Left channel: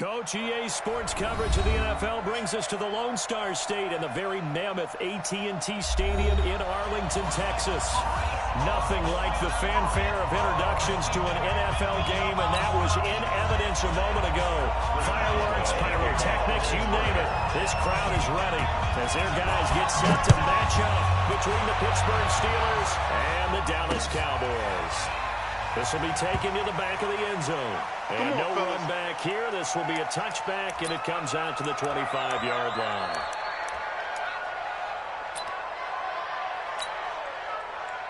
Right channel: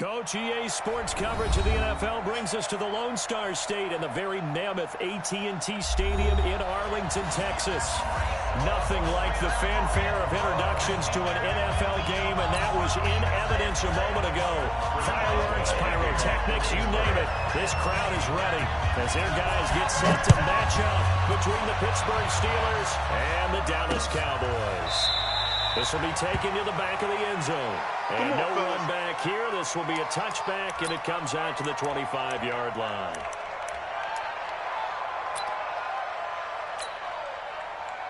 Coach, EA Sports coverage of the NFL brings us to the Lone Star State and the very mammoth AT&T Stadium in Arlington, Texas. Nothing like the fanfare of introductions to an NFL game, and that was in evidence a moment ago. Fireworks, pyrotechnics, you name it. This crowd is ready as their guys get set to match up between the Pittsburgh Steelers and the Dallas Cowboys. This will be taken to the back of the end zone. And no run back here. This will be a touchback, and it comes out to the 25-yard line.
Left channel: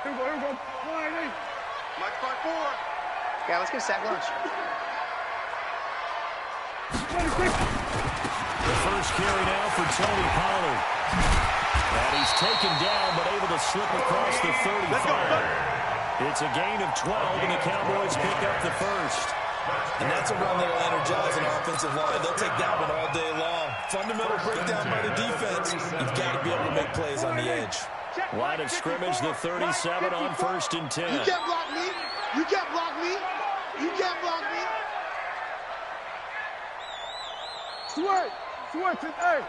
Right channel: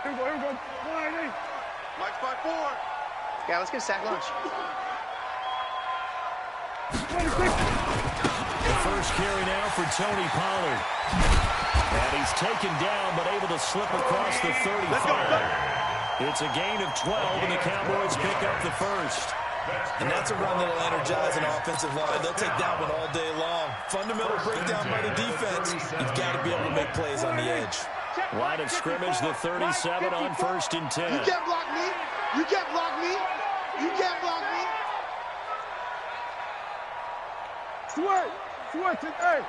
Here we go. Mike 5-4. Yeah, let's get a sack lunch. The first carry now for Tony Pollard. And he's taken down, but able to slip across the 35. It's a gain of 12, and the Cowboys pick up the first. And that's a run that will energize an offensive line. They'll take that one all day long. Fundamental breakdown by the defense. You've got to be able to make plays on the edge. Line of scrimmage, the 37 on 1st and 10. You can't block me. You can't block me. You can't block me. Switch it, hey.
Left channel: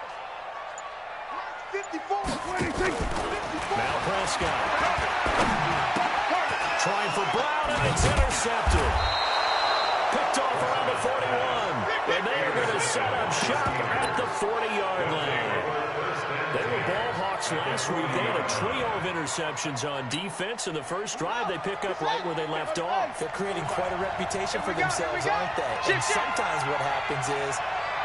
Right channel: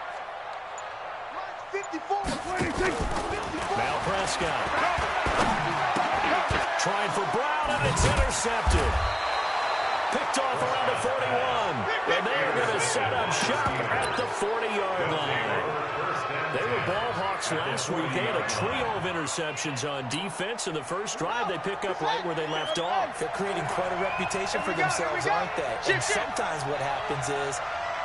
54, 26, 54. Now Prescott. Trying for Brown, and it's intercepted. Picked off around the 41. And they are going to set up shop at the 40-yard line. They were ball hawks last week. They had a trio of interceptions on defense. In the first drive, they pick up right where they left off. They're creating quite a reputation for themselves, aren't they? And sometimes what happens is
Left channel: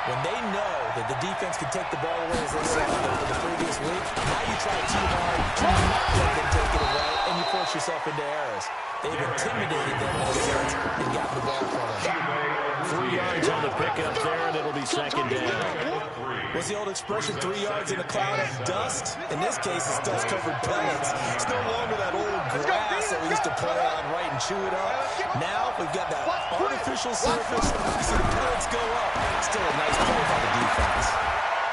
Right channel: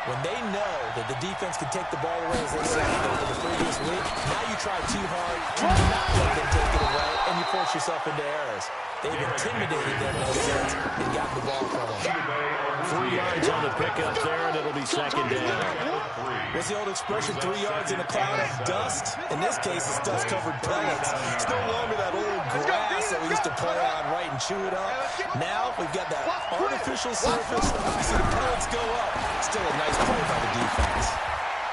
when they know that the defense can take the ball away as they saw over the previous week, now you try too hard to not let them take it away, and you force yourself into errors. They've intimidated them in a sense and gotten the ball from them. 3 yards on the pickup there, and it'll be second down. What's the old expression, 3 yards in a cloud of dust? In this case, it's dust-covered pellets. It's no longer that old grass that we used to play on, right, and chew it up. Now we've got that artificial surface. You see the pellets go up. Still a nice play by the defense.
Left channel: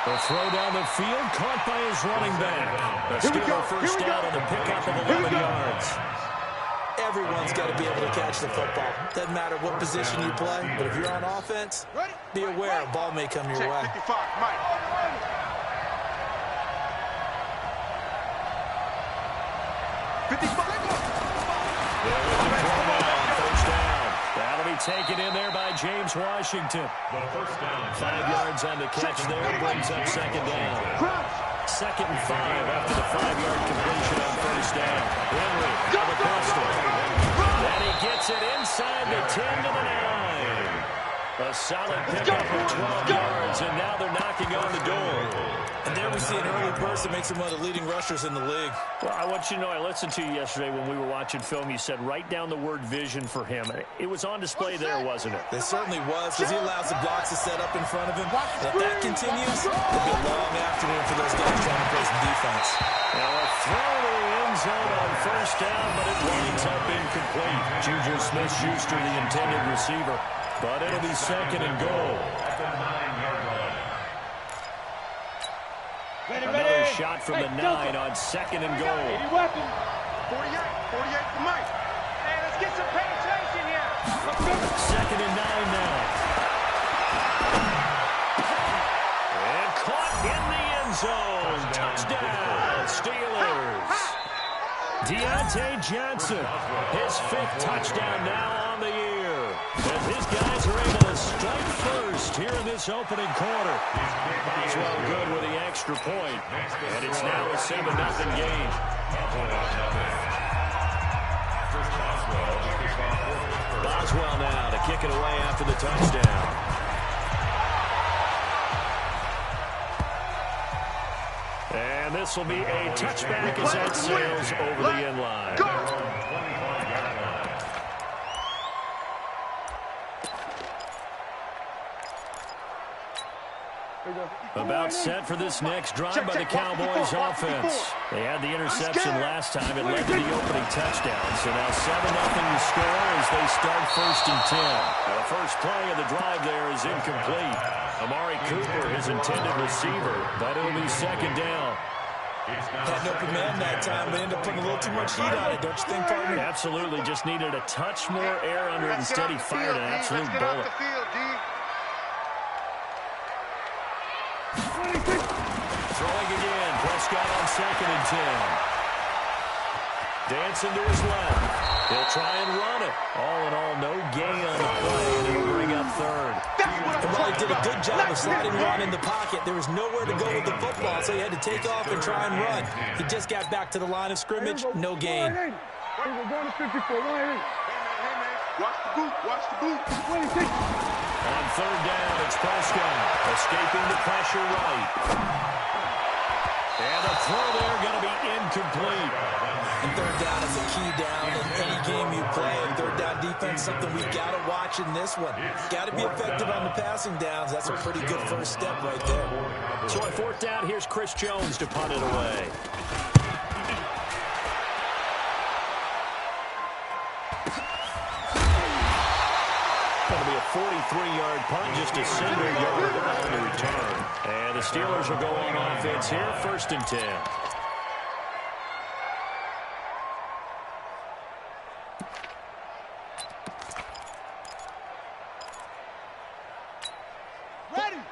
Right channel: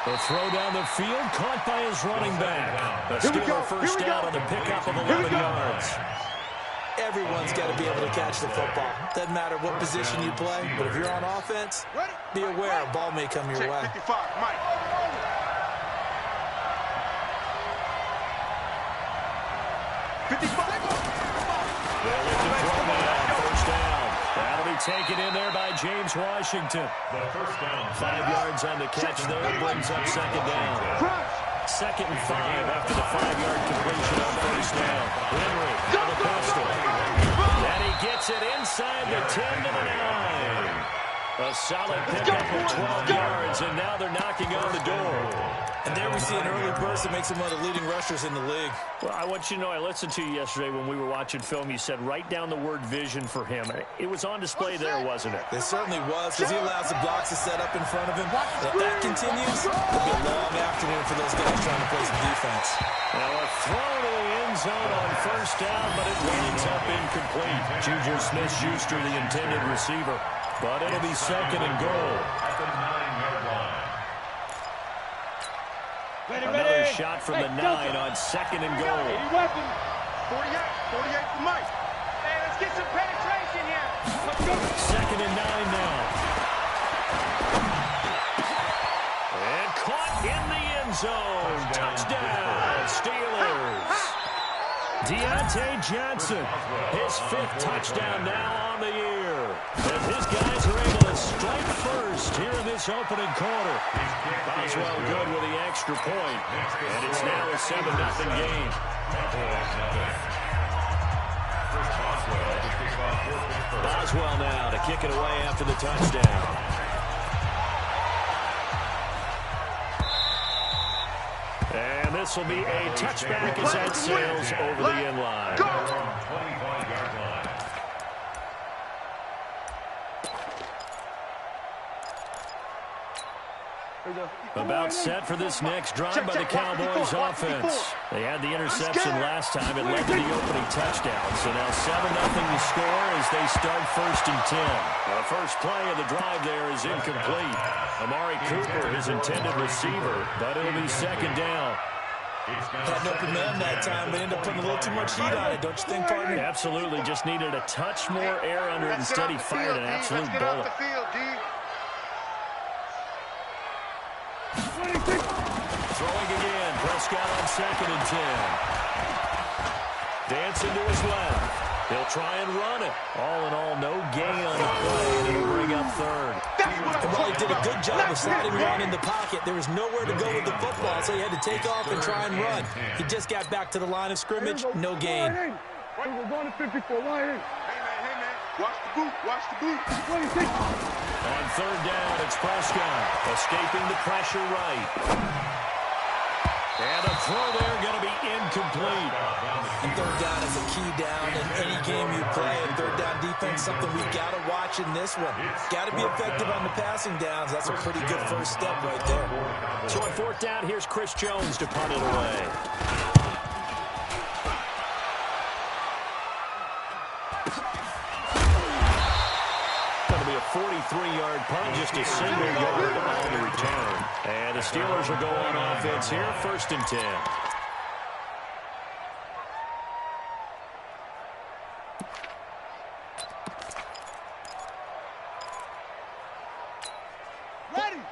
The throw down the field, caught by his running back. The Steeler first down on the pickup of 11 yards. Everyone's got to be able to catch the football. Doesn't matter what position you play, but if you're on offense, be aware a ball may come your way. 55, Mike. 55. First down. That'll be taken in there by James Washington. The first down. 5 yards on the catch there, brings up second down. 2nd and 5 after the 5-yard completion on first down. Henry out of the pistol. And he gets it inside the 10 to the 9. A solid pickup of 12 yards, and now they're knocking on the door. And there we see an early burst that makes him one of the leading rushers in the league. Well, I want you to know, I listened to you yesterday when we were watching film. You said write down the word vision for him. It was on display there, wasn't it? It certainly was, because he allows the blocks to set up in front of him. And if that continues, it'll be a long afternoon for those guys trying to play some defense. Now a throw to the end zone on first down, but it winds up incomplete. Juju Smith-Schuster, the intended receiver. But it'll be second and goal. At the 9-yard line. Another shot from the 9 on second and goal. 48 for Mike. Hey, let's get some penetration here. Second and 9 now. And caught in the end zone. Touchdown, Steelers. Deontay Johnson, his 5th touchdown now on the year. As his guys are able to strike first here in this opening quarter. Boswell good with the extra point. And it's now a 7-0 game. Chris Boswell to kick off for Pittsburgh. Boswell now to kick it away after the touchdown. And this will be a touchback as that sails over the end line. 25-yard line. About set for this next drive by the Cowboys offense. They had the interception last time. It led to the opening touchdown. So now 7-0 to score as they start 1st and 10. Now the first play of the drive there is incomplete. Amari Cooper, his intended receiver, but it'll be second down. Had an open man that time, but ended up putting a little too much heat on it, don't you think, partner? Absolutely. Just needed a touch more air under it. Instead, he fired an absolute bullet. Throwing again. Prescott on 2nd and 10. Dancing to his left. He'll try and run it. All in all, no gain on the play, and it'll bring up 3rd. And while he did a good job of sliding around in the pocket, there was nowhere to go with the football, so he had to take off and try and run. He just got back to the line of scrimmage, no gain. We're going to 54. Hey, man. Watch the boot. Watch the boot. 26. On 3rd down, it's Prescott. Escaping the pressure right. And a throw there going to be incomplete. And 3rd down is a key down in any game you play. And 3rd down defense, something we've got to watch in this one. Got to be effective on the passing downs. That's a pretty good first step right there. So on 4th down, here's Chris Jones to punt it away. Going to be a 43-yard punt, just a single yard on the return. And the Steelers will go on offense here, 1st and 10.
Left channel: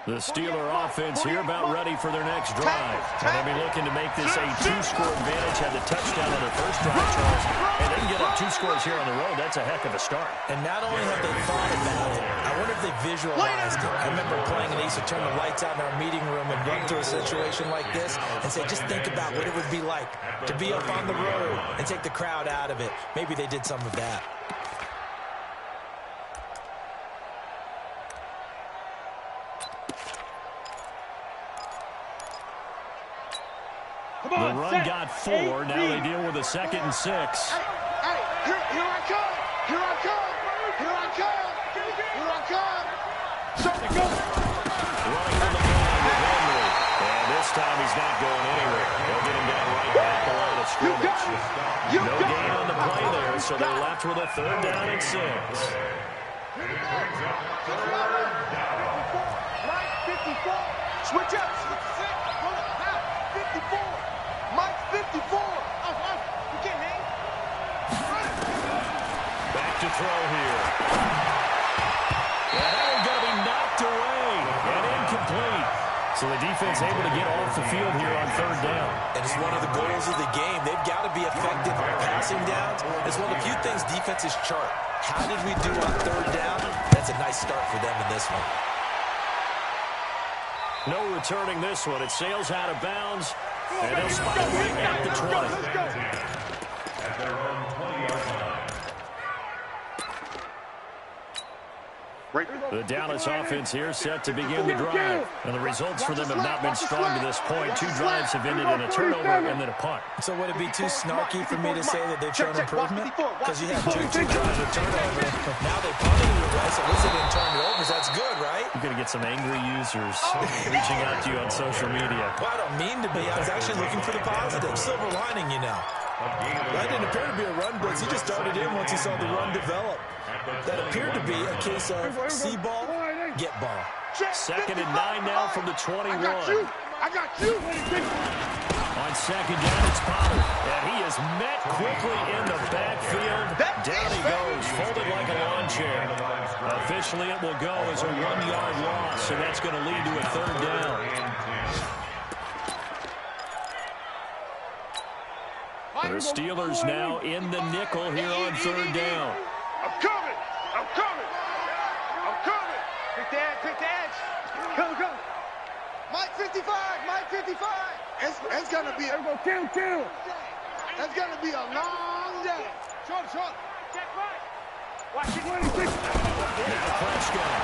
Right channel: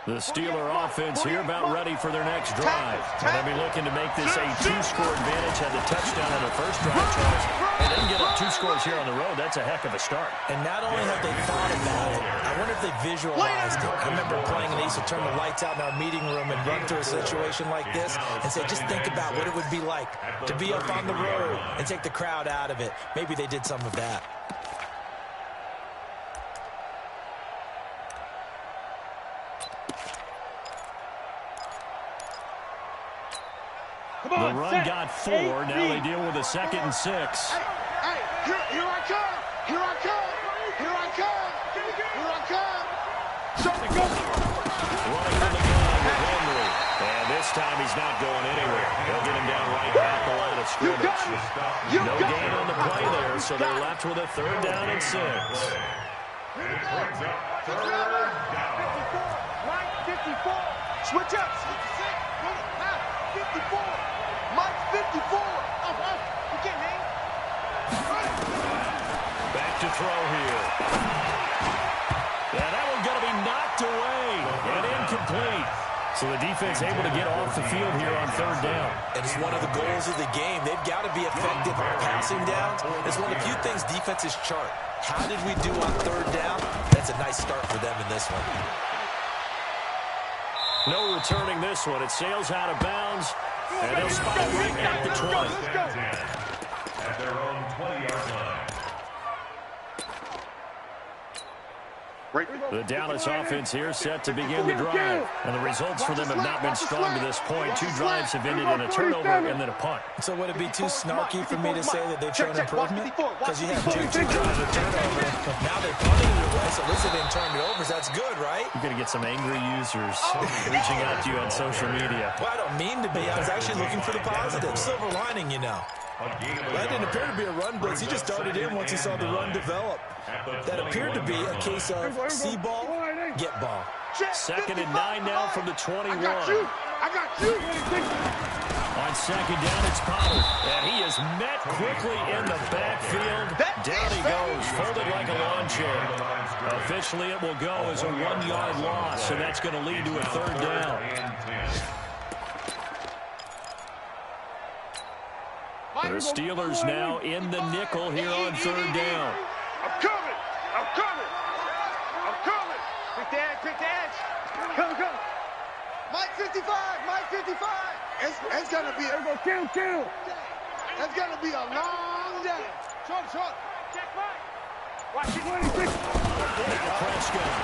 The Steeler offense here about ready for their next drive. And they'll be looking to make this a 2-score advantage. Had the touchdown on their first drive, Charles, and then get up 2 scores here on the road. That's a heck of a start. And not only have they thought about it, I wonder if they visualized it. I remember playing, and they used to turn the lights out in our meeting room and run through a situation like this and say, just think about what it would be like to be up on the road and take the crowd out of it. Maybe they did some of that. The run got 4. Now they deal with a 2nd and 6. Hey, here I come. Here I come. Here I come. Here I come. Go. Running from the gun with Henry. And this time he's not going anywhere. They'll get him down right at the line of scrimmage. No gain on the play there, so they're left with a 3rd down and 6. And it brings up 3rd down. 54. Mike, 54. Switch up. 66. Run it. Now, 54. Mike, 54. Off. You can't hang. Back to throw here. Yeah, that one's going to be knocked away and incomplete. So the defense able to get off the field here on 3rd down. And it's one of the goals of the game. They've got to be effective on passing downs. It's one of the few things defenses chart. How did we do on 3rd down? That's a nice start for them in this one. No returning this one. It sails out of bounds, and they'll spot it right at the 20. At their own 20-yard line. The Dallas offense here set to begin the drive. And the results for them have not been strong to this point. 2 drives have ended in a turnover and then a punt. So would it be too snarky for me to say that they've shown improvement? Because you have two drives of turnover. Now they punted it away, so at least they didn't turn it over. So that's good, right? You're going to get some angry users reaching out to you on social media. Well, I don't mean to be. I was actually looking for the positive. Silver lining, you know. That didn't appear to be a run blitz. He just started in once he saw the run develop. That appered to be a case of see ball, get ball. 2nd and 9 now from the 21. I got you. On 2nd down, it's Pollard. And he is met quickly in the backfield. Down he goes, folded like a lawn chair. Officially, it will go as a 1-yard loss, and that's going to lead to a 3rd down. The Steelers now in the nickel here on 3rd down. I'm coming. Pick the edge. Come. Mike 55. It's going to be kill. It's going to be a long day. Short. Check right. Watch it. 26. Now Prescott.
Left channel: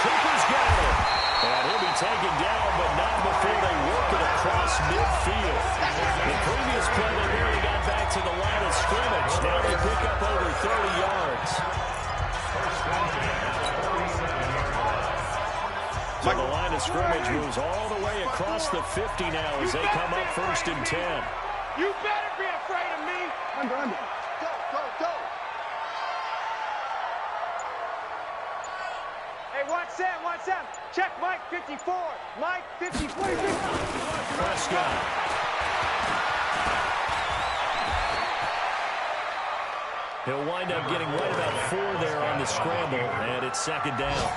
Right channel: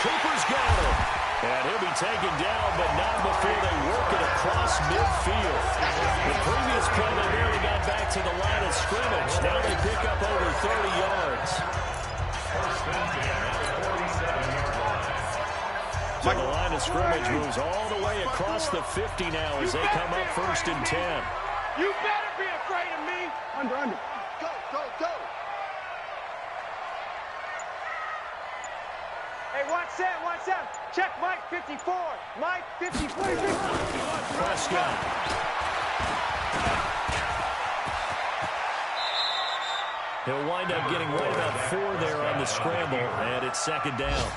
Cooper's got it. And he'll be taken down, but not before they work it across midfield. The previous play, they barely got back to the line of scrimmage. Now they pick up over 30 yards. First and 10 at the 47-yard line. So the line of scrimmage moves all the way across the 50 now as they come up 1st and 10. You better be afraid of me. Under. Go. Hey, watch them. Check Mike 54. Mike 54. Prescott. He'll wind up getting right about 4 there on the scramble, and it's second down.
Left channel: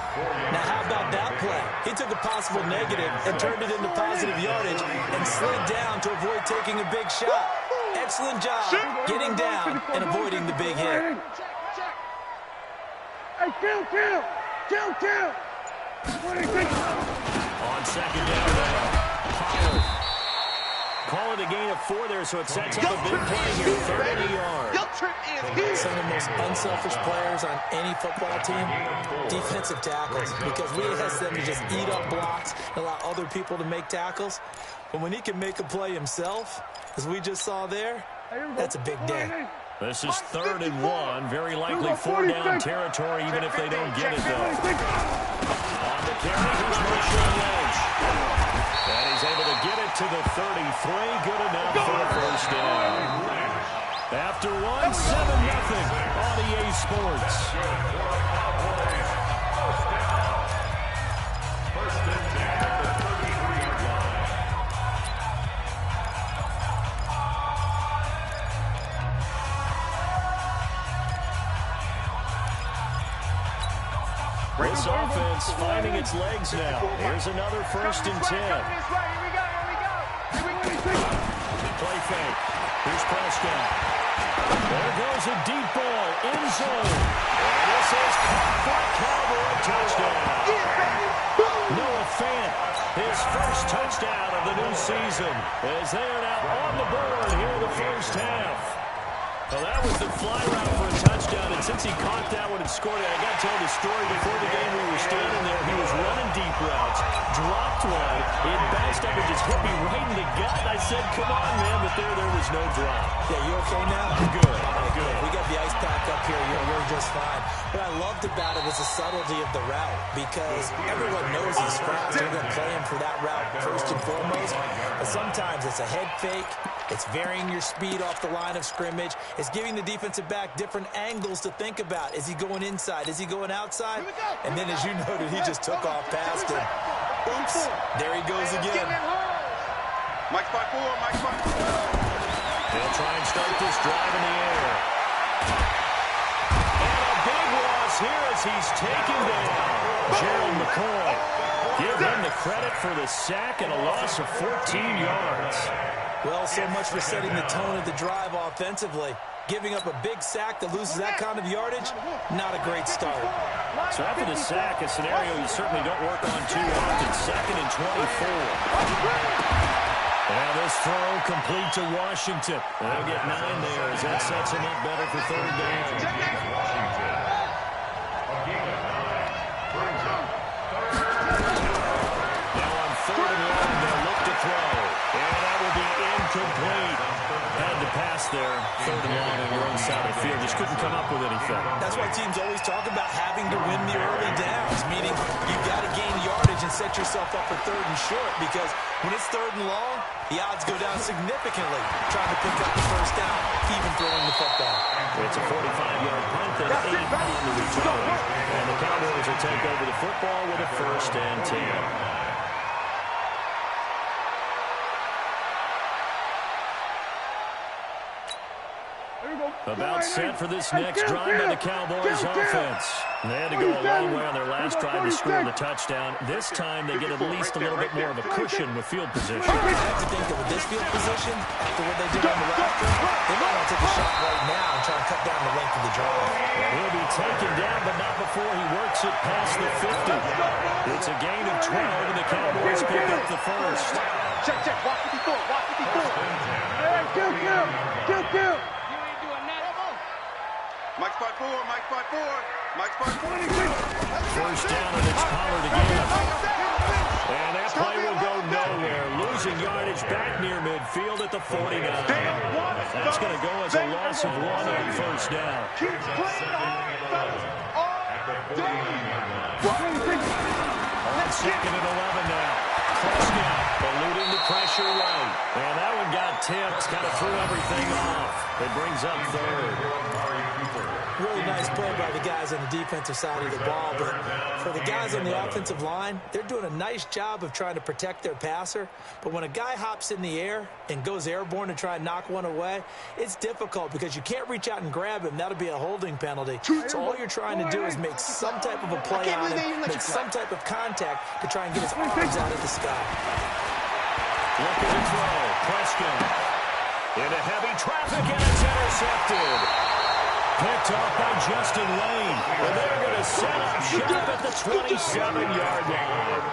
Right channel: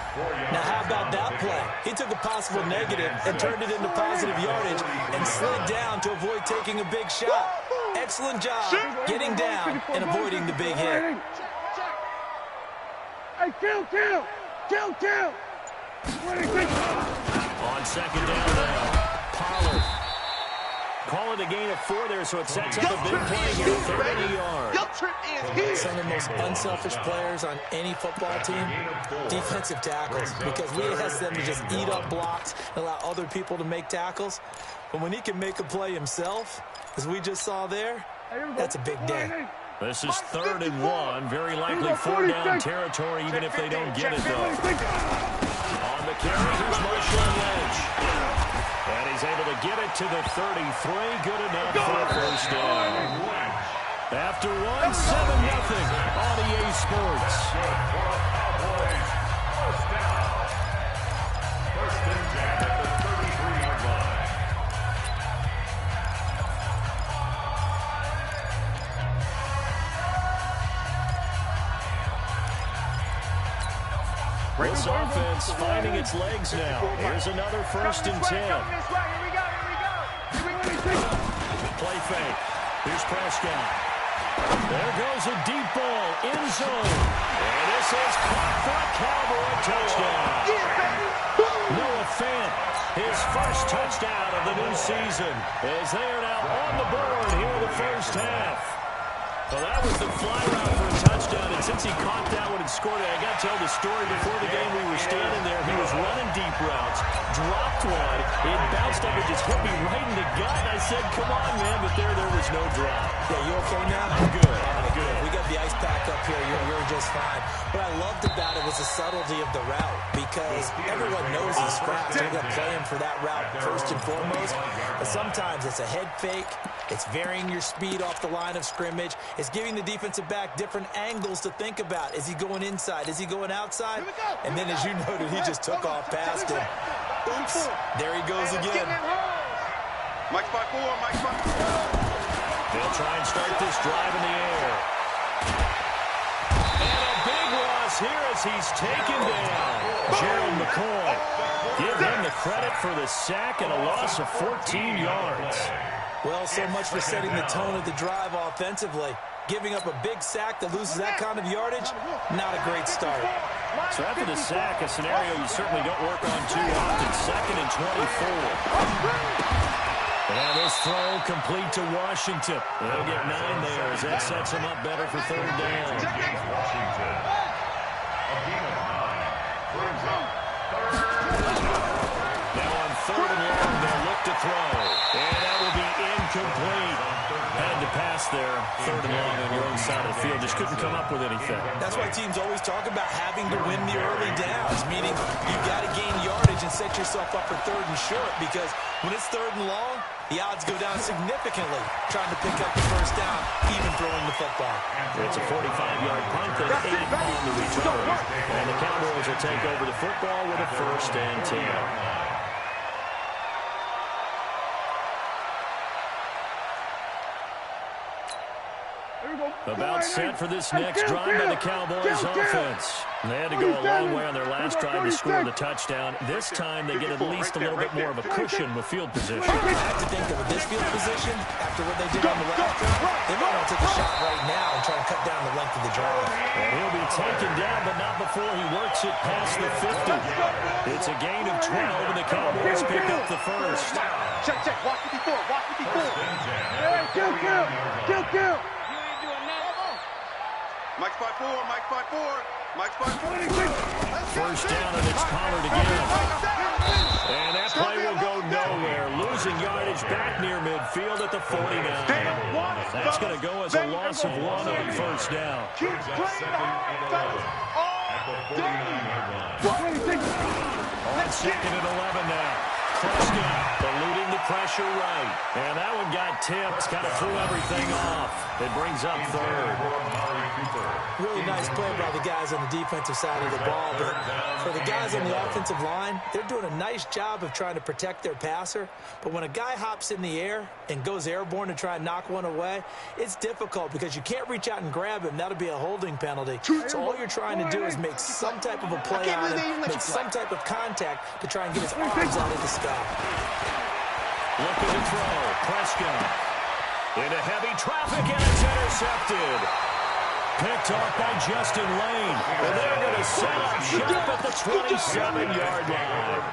Now, how about that play? He took a possible negative and turned it into positive yardage and slid down to avoid taking a big shot. Excellent job getting down and avoiding the big hit. Hey, kill! On second down now, Pollard. Call it a gain of 4 there, so it sets up a big play here, 30 yards. Some of the most unselfish players on any football team, defensive tackles, because we ask them to just eat up blocks and allow other people to make tackles. But when he can make a play himself, as we just saw there, that's a big day. This is 3rd and 1, very likely 4-down territory, even if they don't get it, though. On the carry, here's Marshawn Lynch. And he's able to get it to the 33. Good enough for a first down. After 1, 7-0 on EA Sports. First and 10 at the 33-yard line. This offense finding its legs now. Here's another 1st and 10. Play fake. Here's Prescott. There goes a deep ball, end zone. And this is caught for a Cowboy touchdown. Noah Fant, his first touchdown of the new season, as they are now on the board here in the first half. Well, that was the fly route for a touchdown, and since he caught that one and scored it, I got to tell the story before the game. We were standing there. He was running deep routes, dropped one. It bounced up and just hit me right in the gut. And I said, come on, man, but there was no drop. Yeah, you okay now? I'm good. I'm good. We got the ice pack up here. You're just fine. What I loved about it was the subtlety of the route, because everyone knows he's fast. They're going to play him for that route first and foremost. But sometimes it's a head fake. It's varying your speed off the line of scrimmage. It's giving the defensive back different angles to think about. Is he going inside? Is he going outside? And then, as you noted, he just took off past him. Oops. There he goes again. Mike spot 4. They'll try and start this drive in the air. And a big loss here as he's taken down. Gerald McCoy. Give him the credit for the sack and a loss of 14 yards. Well, so much for setting the tone of the drive offensively. Giving up a big sack that loses that kind of yardage, not a great start. So after the sack, a scenario you certainly don't work on too often. 2nd and 24. And now this throw complete to Washington. They'll get 9 there as that sets him up better for 3rd down. Washington. A gain of 9 brings up 3rd. Now on 3rd and long, they'll look to throw. And that will be incomplete. Had to pass there. 3rd and long on your own side of the field. Just couldn't come up with anything. That's why teams always talk about having to win the early downs, meaning you've got to gain yardage and set yourself up for 3rd and short, because when it's 3rd and long, the odds go down significantly trying to pick up the first down, even throwing the football. It's a 45-yard punt and 8 on the return. And the Cowboys will take over the football with a 1st and 10. About set for this next drive by the Cowboys offense. They had to go a long way on their last drive to score the touchdown. This time they get at least a little bit more of a cushion with field position. I have to think that with this field position, after what they did on the last drive, they might want to take a shot right now and try and cut down the length of the drive. And he'll be taken down, but not before he works it past the 50. It's a gain of 12, and the Cowboys pick up the first. Check. Walk 54. Hey, kill. Mike spot 4. First down, and it's Pollard again. And that play will go nowhere. Losing yardage back near midfield at the 49. That's going to go as a loss of 1 on 1st down. Keep playing hard, fellas. All day. On 2nd and 11 now. Prescott. Eluding the pressure right. And that one got tipped. Kind of threw everything off. It brings up third. Really nice play by the guys on the defensive side of the ball. But for the guys on the offensive line, they're doing a nice job of trying to protect their passer. But when a guy hops in the air and goes airborne to try and knock one away, it's difficult because you can't reach out and grab him. That'll be a holding penalty. So all you're trying to do is make some type of a play on him, make some type of contact to try and get his arms out of the sky. Looking to throw. Prescott. Into heavy traffic, and it's intercepted. Picked off by Justin Lane. And they're going to set up shop at the 27-yard line.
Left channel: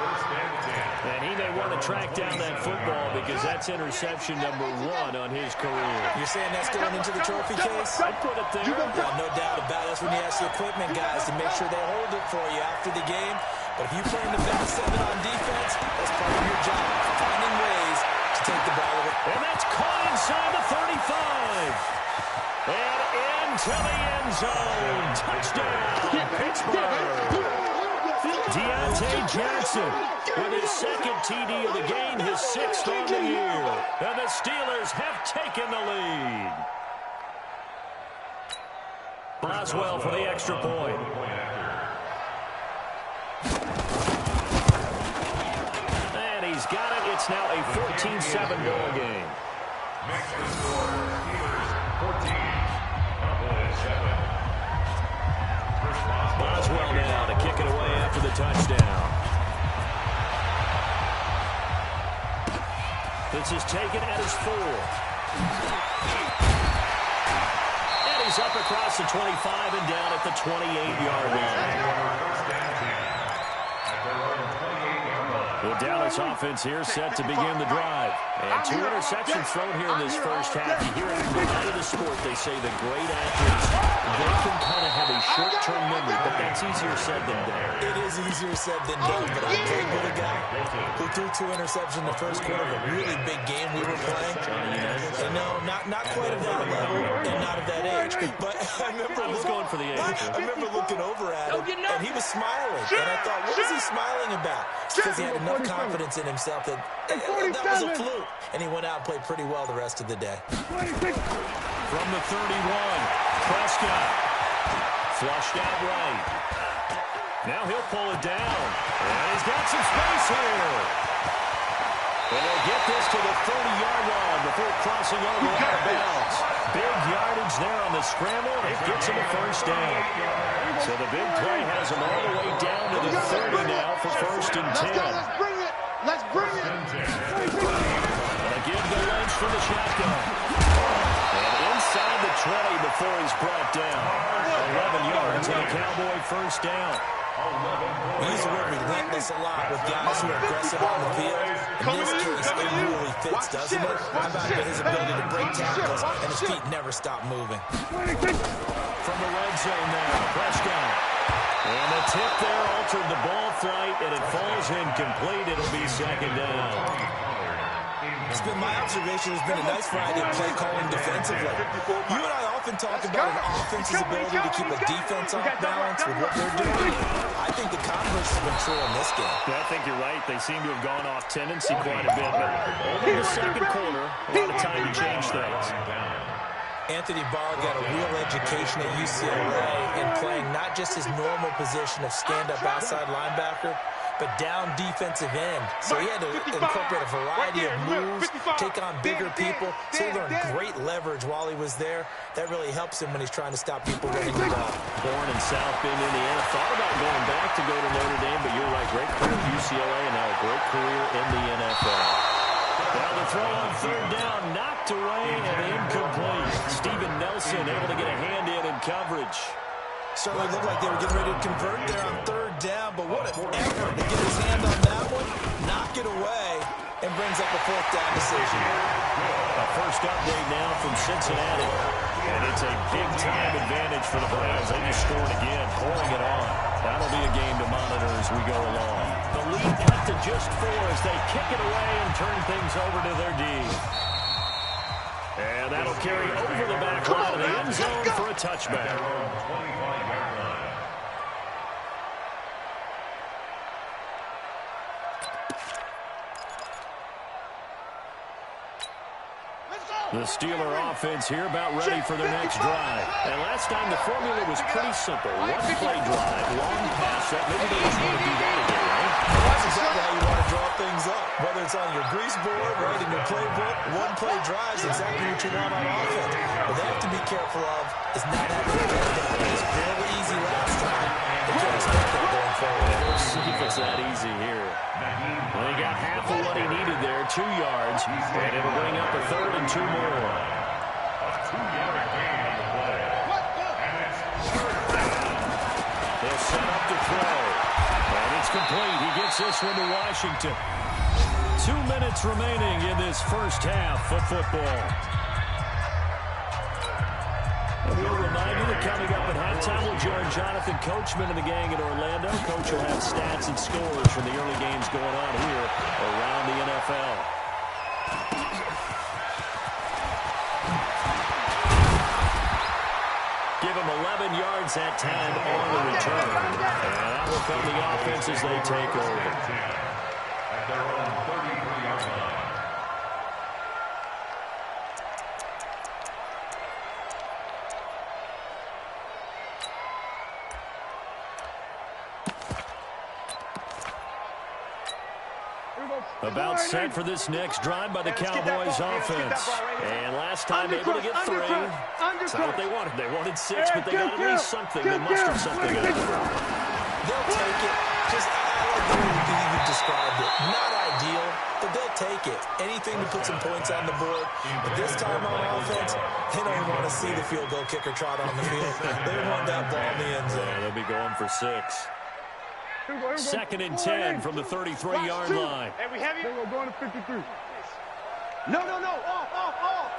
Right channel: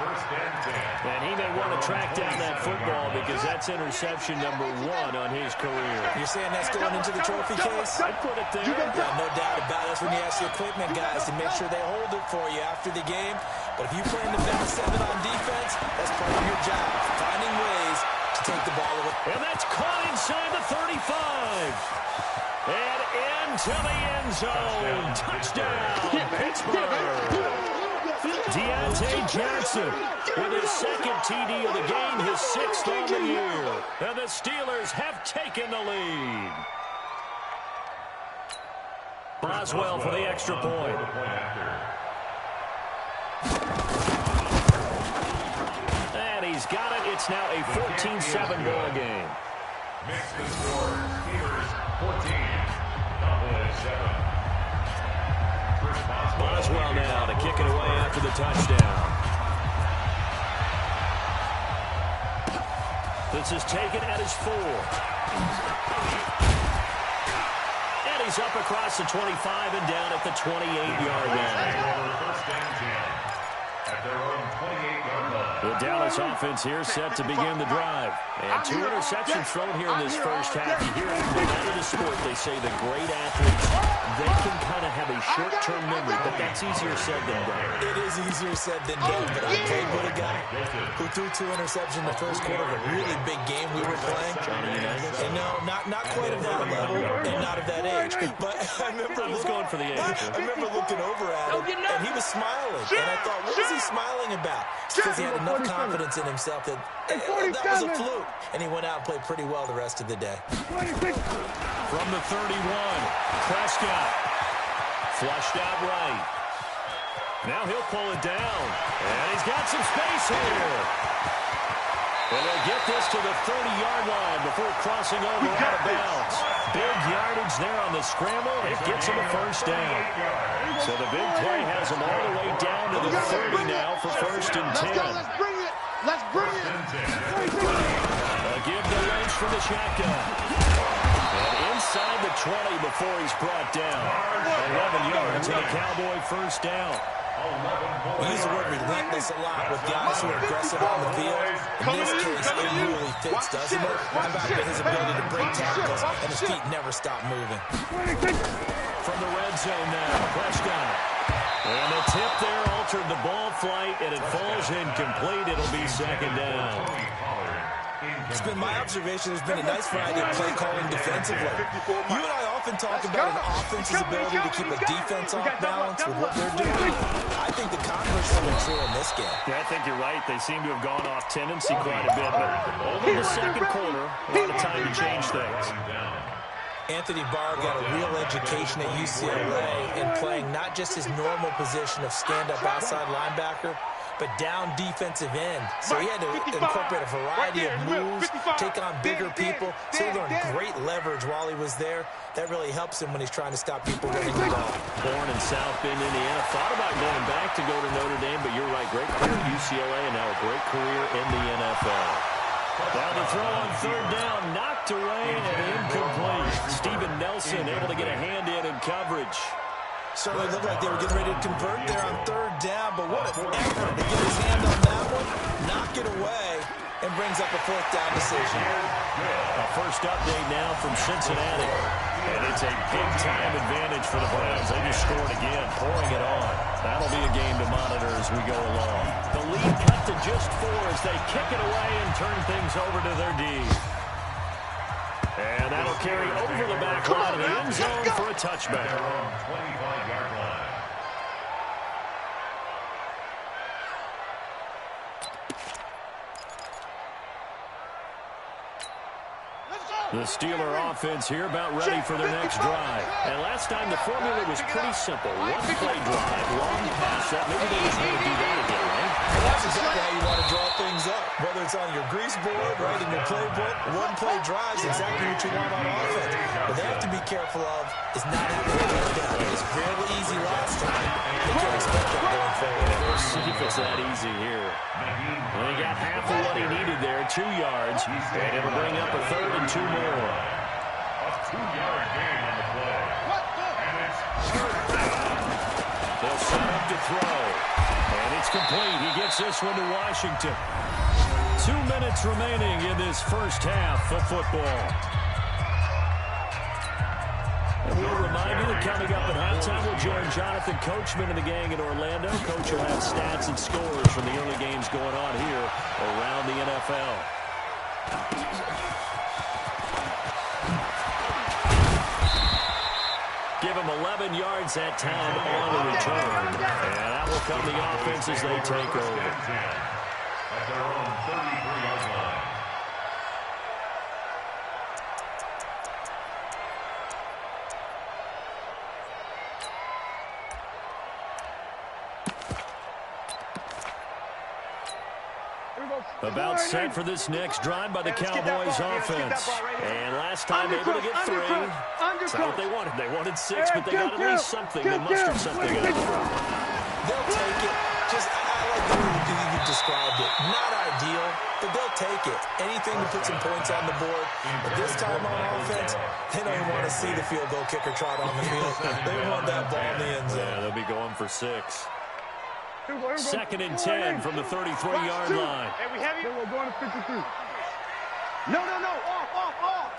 And he may want to track down that football because that's interception number 1 on his career. You're saying that's going into the trophy case? I'd put it there. Yeah, no doubt about it. That's when you ask the equipment guys to make sure they hold it for you after the game. But if you play in the back 7 on defense, that's part of your job, finding ways to take the ball away. And that's caught inside the 35. And into the end zone. Touchdown, Pittsburgh. Deontay Johnson with his second TD of the game, his 6th on the year. And the Steelers have taken the lead. Boswell for the extra point. And he's got it. It's now a 14-7 ball game. Mix the score. Steelers 14. Cowboys 7. Boswell now to kick it away after the touchdown. This is taken at his 4. And he's up across the 25 and down at the 28-yard line. First and 10 at their own 28-yard line. The Dallas offense here set to begin the drive. And 2 interceptions thrown here in this first half. You hear it no matter the sport, they say the great athletes, they can kind of have a short-term memory, but that's easier said than done. It is easier said than done, but I played with a guy who threw 2 interceptions in the first quarter of a really big game we were playing. Johnny Unitas? And no, not quite of that level and not of that age. But I remember going for the age. I remember looking over at him, and he was smiling. And I thought, what is he smiling about? It's because he had enough confidence in himself that that was a fluke. And he went out and played pretty well the rest of the day. From the 31, Prescott. Flushed out right. Now he'll pull it down. And he's got some space here. And they'll get this to the 30-yard line before crossing over out of bounds. Big yardage there on the scramble. It gets him a first down. So the big play has him all the way down to the 30 now for first and 10. Let's bring it. Let's bring it. A give to Lynch from the shotgun. And inside the 20 before he's brought down. 11 yards and a Cowboy first down. We use the word relentless a lot with guys who are aggressive on the field. In this case, it really fits, doesn't it? How about his ability to break tackles and his feet never stop moving? From the red zone now, Prescott. And the tip there altered the ball flight, and it falls incomplete. It'll be second down. It's been my observation there's been a nice variety of play calling defensively. You and I often talk about an offense's ability to keep a defense off balance with what they're doing. I think the converse has been true in this game. Yeah, I think you're right. They seem to have gone off tendency quite a bit, but only the second quarter, a lot of time to change things. Anthony Barr got a real education at UCLA in playing not just his normal position of stand-up outside linebacker, but down defensive end. So he had to incorporate a variety of moves, take on bigger people. So he learned great leverage while he was there. That really helps him when he's trying to stop people running the ball. Born in South Bend, Indiana. Thought about going back to go to Notre Dame, but you're right. Great career at UCLA and now a great career in the NFL. Now the throw on third down, knocked away and incomplete. Steven Nelson able to get a hand in coverage. Certainly looked like they were getting ready to convert there on third down, but what an effort to get his hand on that one, knock it away, and brings up a fourth down decision. A first update now from Cincinnati. And it's a big-time advantage for the Browns. They just scored again, pouring it on. That'll be a game to monitor as we go along. The lead cut to just 4 as they kick it away and turn things over to their D. And that'll carry over the back line of the end zone for a touchback. 25-yard line. The Steeler offense here about ready for their next drive. And last time the formula was pretty simple. One play drive, long pass set. Maybe they just want to do that again, right? Well, that's exactly how you want to draw things up. Whether it's on your grease board, right, in your playbook, one play drive is exactly what you want on offense. What they have to be careful of is not having to get down. It was fairly easy last time. They can't expect that going forward. We'll see if it's that easy here. Well, he got half of what he needed there, 2 yards. And it'll bring up a 3rd and 2 more. A 2-yard gain on the play. And it's 3rd down. They'll set up to throw. And it's complete. He gets this one to Washington. 2 minutes remaining in this first half of football. And we'll remind you that coming up at halftime, we'll join Jonathan Coachman and the gang in Orlando. Coach will have stats and scores from the early games going on here around the NFL. Give them 11 yards that time on the return. And that will come the offense as they take over. At their own 33-yard line. About set for this next drive by the Cowboys offense. And last time able to get 3. That's not what they wanted. They wanted 6, but they got at least something. They mustered something out of it. They'll take it. Just, I like the way you described it. Not ideal, but they'll take it. Anything to put some points on the board. But this time on offense, they don't even want to see the field goal kicker trot on the field. They want that ball in the end zone. Yeah, they'll be going for 6. 2nd and 10 from the 33-yard line. Hey, we have you. We're going to 53. No. Off.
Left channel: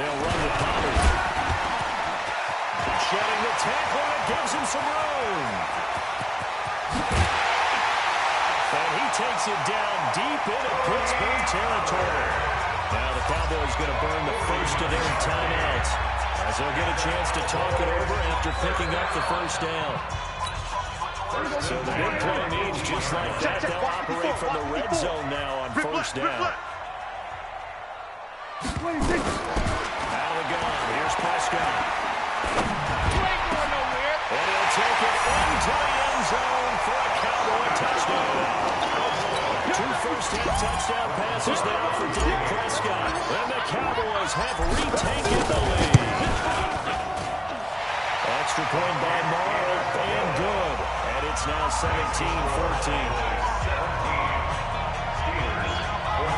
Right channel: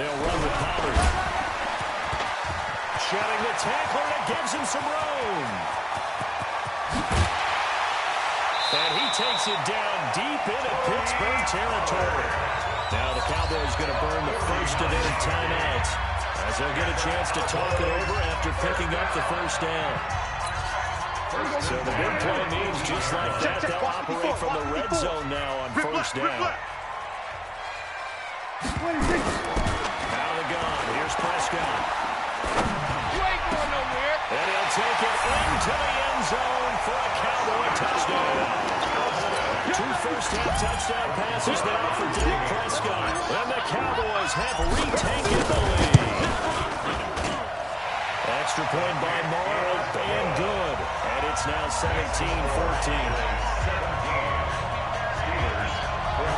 They'll run with Pollard. Shedding the tackler, and it gives him some room. And he takes it down deep into Pittsburgh territory. Now the Cowboys going to burn the first of their timeouts as they'll get a chance to talk it over after picking up the first down. So the big play means just like that, they'll operate from the red zone now on first down. Out of the gun, here's Prescott. You ain't going nowhere. And he'll take it into the end zone for a Cowboy touchdown. 2 first-half touchdown passes now for Dak Prescott. And the Cowboys have retaken the lead. Extra point by Marr, up and good. And it's now 17-14. 17. Steelers 14.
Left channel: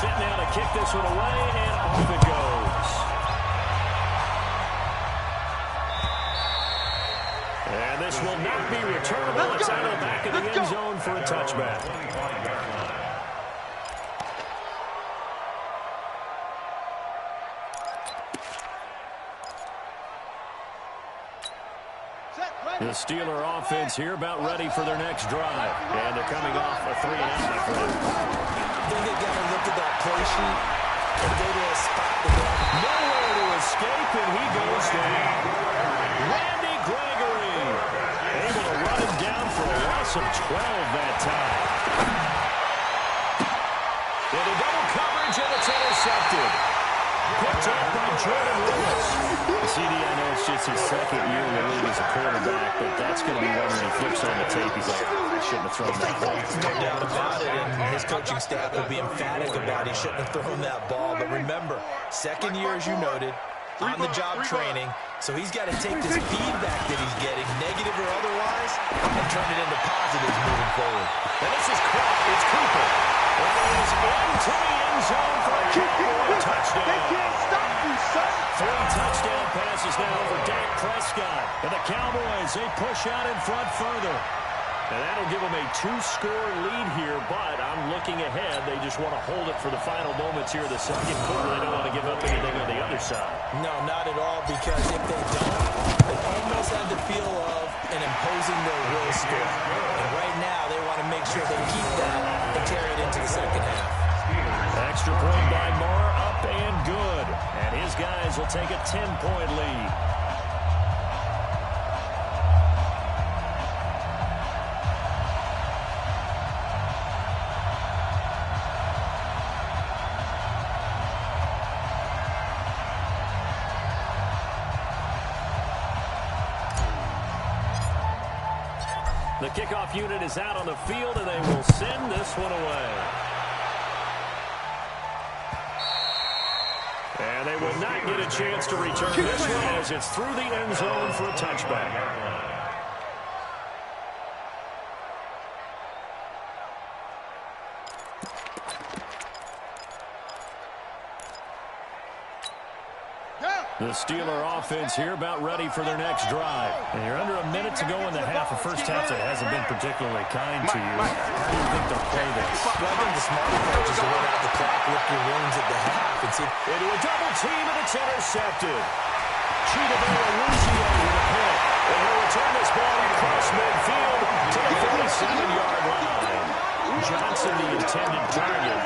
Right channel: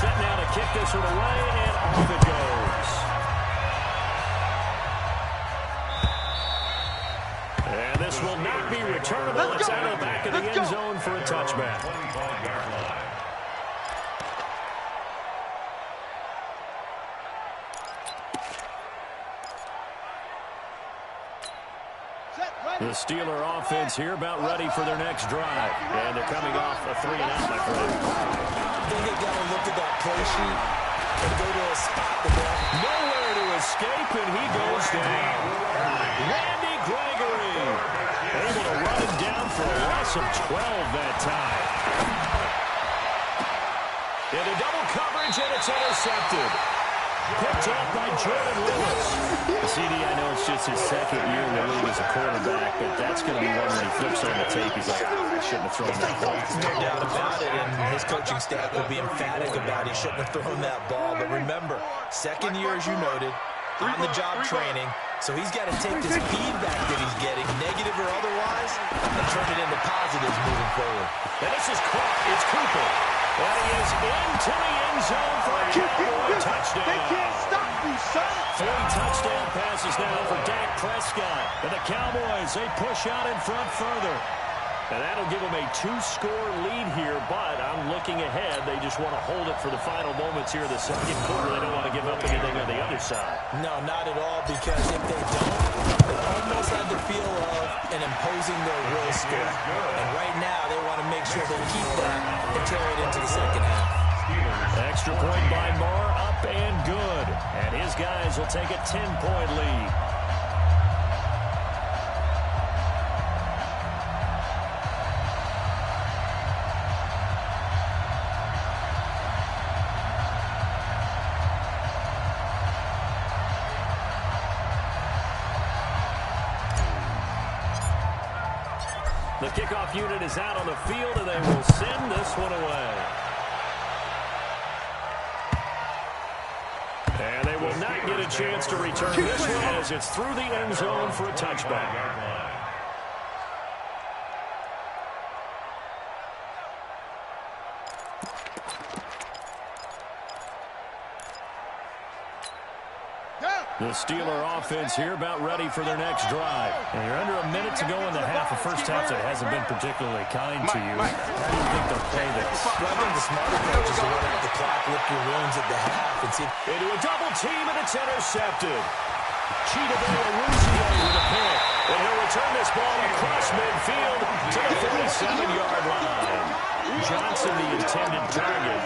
Set now to kick this one away, and off it goes. And this will not be returnable. It's out of the back of the end zone for a touchback. 25-yard line. The Steeler offense here about ready for their next drive. And they're coming off a 3-and-out, my friend. I think they've got to look at that play sheet and go to a spot that they have nowhere to escape, and he goes down. Randy Gregory able to run him down for a loss of 12 that time. Into double coverage, and it's intercepted. Picked up by Jordan Lewis. CD, I know it's just his 2nd year in the league as a quarterback, but that's going to be one when he flips on the tape. He's like, I shouldn't have thrown that ball. no doubt about it, and his coaching staff will be emphatic about he shouldn't have thrown that ball. But remember, 2nd year, as you noted, on-the-job training, so he's got to take this feedback that he's getting, negative or otherwise, and turn it into positives moving forward. And this is caught. It's Cooper. And he is into the end zone for a Cowboy touchdown. They can't stop you, son. 3 touchdown passes now for Dak Prescott. And the Cowboys, they push out in front further. And that'll give them a 2-score lead here, but I'm looking ahead. They just want to hold it for the final moments here of the 2nd quarter. They don't want to give up anything on the other side. No, not at all, because if they don't, it almost had the feel of an imposing their will score. And right now, they want to make sure they keep that and carry it into the 2nd half. Extra point by Marr, up and good. And his guys will take a 10-point lead. The kickoff unit is out on the field, and they will send this one away. And they will not get a chance to return this one as it's through the end zone for a touchback. The Steeler offense here about ready for their next drive. And you're under a minute to go in the half. A first half that hasn't been particularly kind to you. How do you think they'll play this? Well, I think the smart approach is to run out the clock, lick your wounds at the half, and see. Into a double team, and it's intercepted. Chidobe Awuzie with a pick. And he'll return this ball across midfield to the 47-yard line. Johnson, the intended target.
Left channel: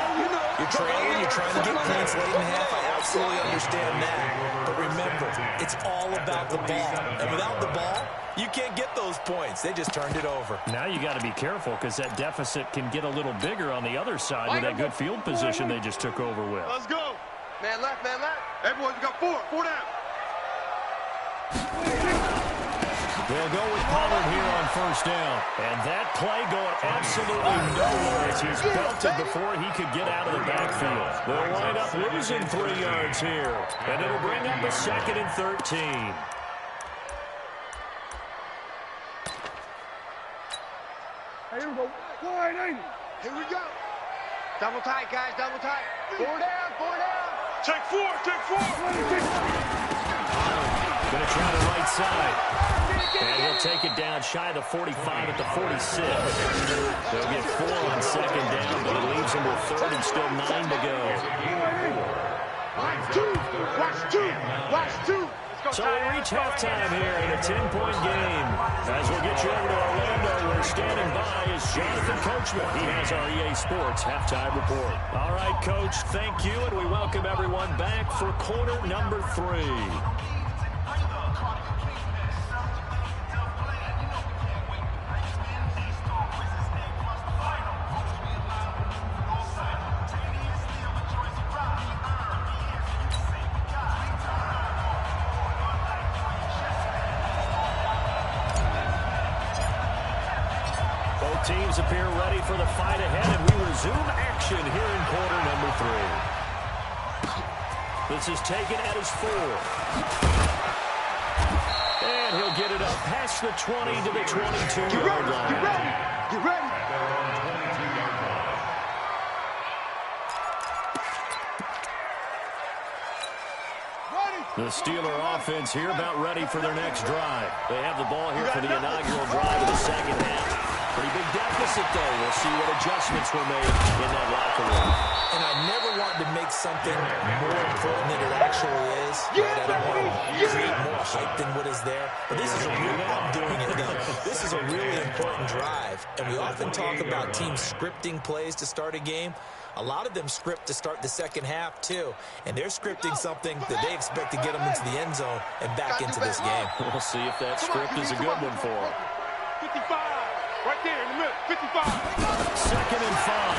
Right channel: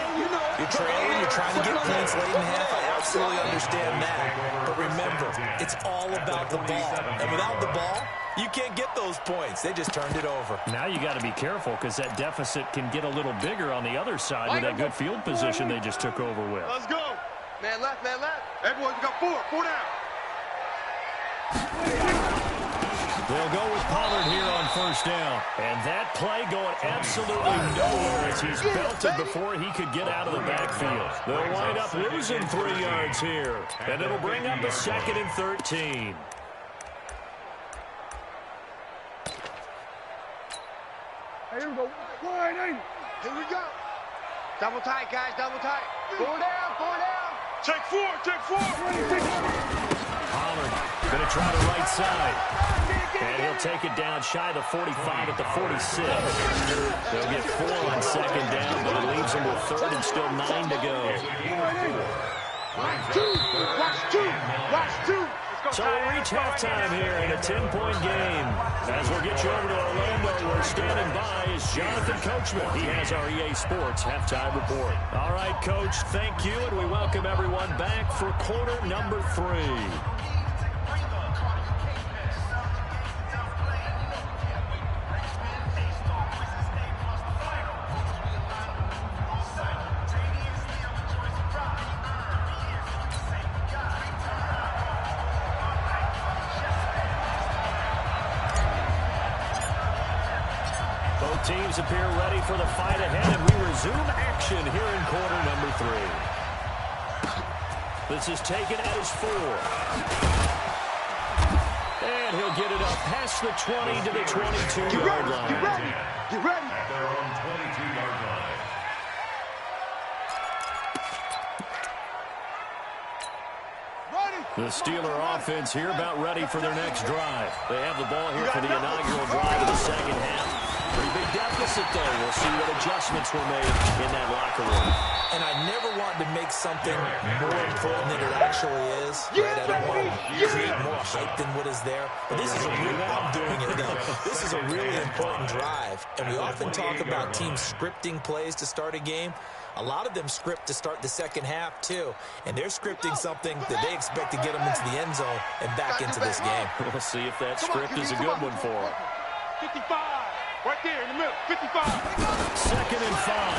You're trailing, you're trying to get points late in half. I absolutely understand that. But remember, it's all about the ball. And without the ball, you can't get those points. They just turned it over. Now you got to be careful because that deficit can get a little bigger on the other side with that good field position they just took over with. Let's go. Man left, man left. Hey, boys, we got four down. They'll go with Pollard here on first down. And that play going absolutely nowhere as he's belted before he could get out of the backfield. They'll wind up losing 3 yards here. And it'll bring up a 2nd and 13. Hey, here we go. Wide, ain't it? Here we go. Double tight, guys, double tight. 4 down, 4 down. Take 4, take 4. Pollard going to try the right side. And he'll take it down shy of the 45 at the 46. They'll get 4 on 2nd down, but it leaves them with 3rd and still 9 to go. Watch two. So we reach halftime here in a 10-point game. As we'll get you over to Orlando, where standing by is Jonathan Coachman. He has our EA Sports halftime report. All right, Coach, thank you, and we welcome everyone back for quarter number 3. Both teams appear ready for the fight ahead, and we resume action here in quarter number 3. This is taken at his 4. And he'll get it up past the 20 to the 22-yard line. Get ready. Get ready. At their own 22-yard line. The Steeler offense here about ready for their next drive. They have the ball here for the inaugural drive of the second half. Pretty big deficit, though. We'll see what adjustments were made in that locker room. And I never want to make something more important than it actually is. Right? I don't want to create more hype than what is there. But this is I'm doing it, though. This is a really important drive. And we often talk about teams scripting plays to start a game. A lot of them script to start the second half, too. And they're scripting something that they expect to get them into the end zone and back into this game. We'll see if that script is a good one for them. 55. Right there in the middle. 55. 2nd and 5.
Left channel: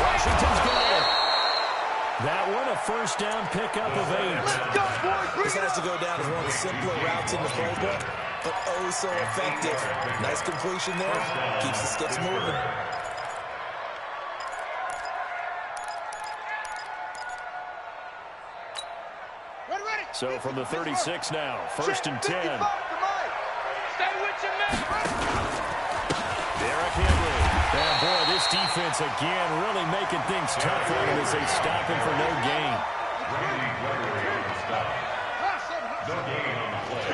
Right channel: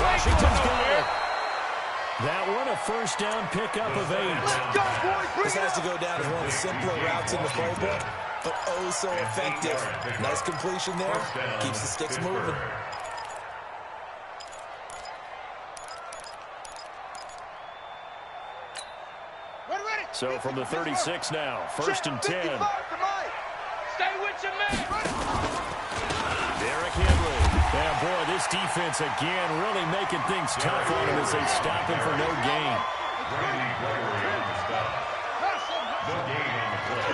Washington's got it. That one, a first down pickup of 8. This has to go down as one of the simpler routes in the playbook, but oh so effective. Nice completion there. Keeps the sticks moving. So from the 36 now, 1st and 10. Stay with your man. Derrick Henry. And boy, this defense again really making things tough on him as they stop him for no gain. Randy Gregory on the stop. No gain on the play.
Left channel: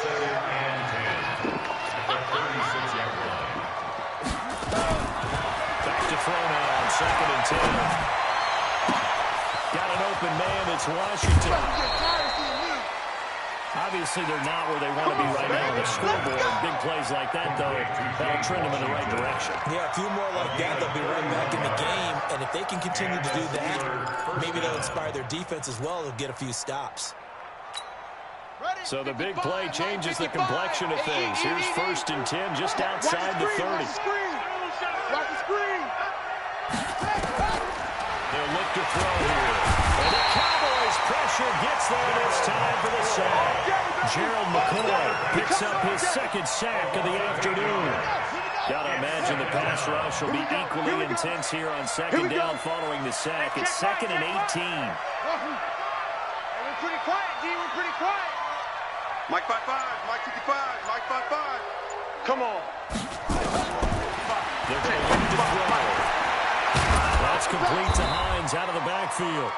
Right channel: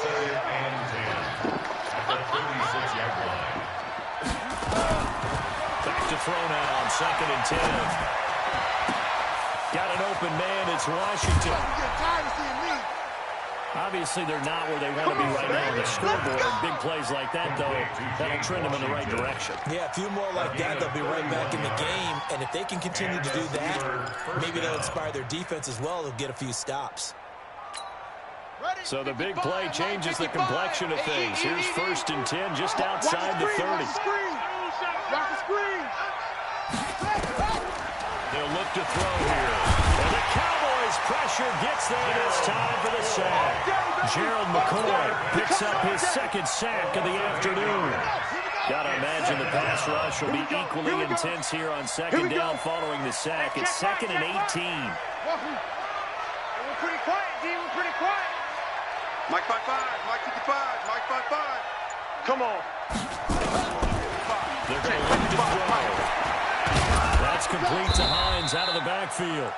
2nd and 10. At the 36-yard line. Back to throw now on 2nd and 10. Got an open man. It's Washington. Obviously, they're not where they want to be right now on the scoreboard. Big plays like that, though, that'll trend them in the right direction. Yeah, a few more like that, they'll be right back in the game. And if they can continue to do that, maybe they'll inspire their defense as well. They'll get a few stops. So the big play changes the complexion of things. Here's 1st and 10 just outside the 30. Watch the screen. They'll look to throw here. And the Cowboys pressure gets there this time for the sack. Gerald McCoy picks up his second sack of the afternoon. Gotta imagine the pass rush will be equally intense here on second down following the sack. It's 2nd and 18. We're pretty quiet, D. We're pretty quiet. Mike 5-5, Mike 55, Mike 5-5. Come on. They're going to look to throw. That's complete to Hines out of the backfield.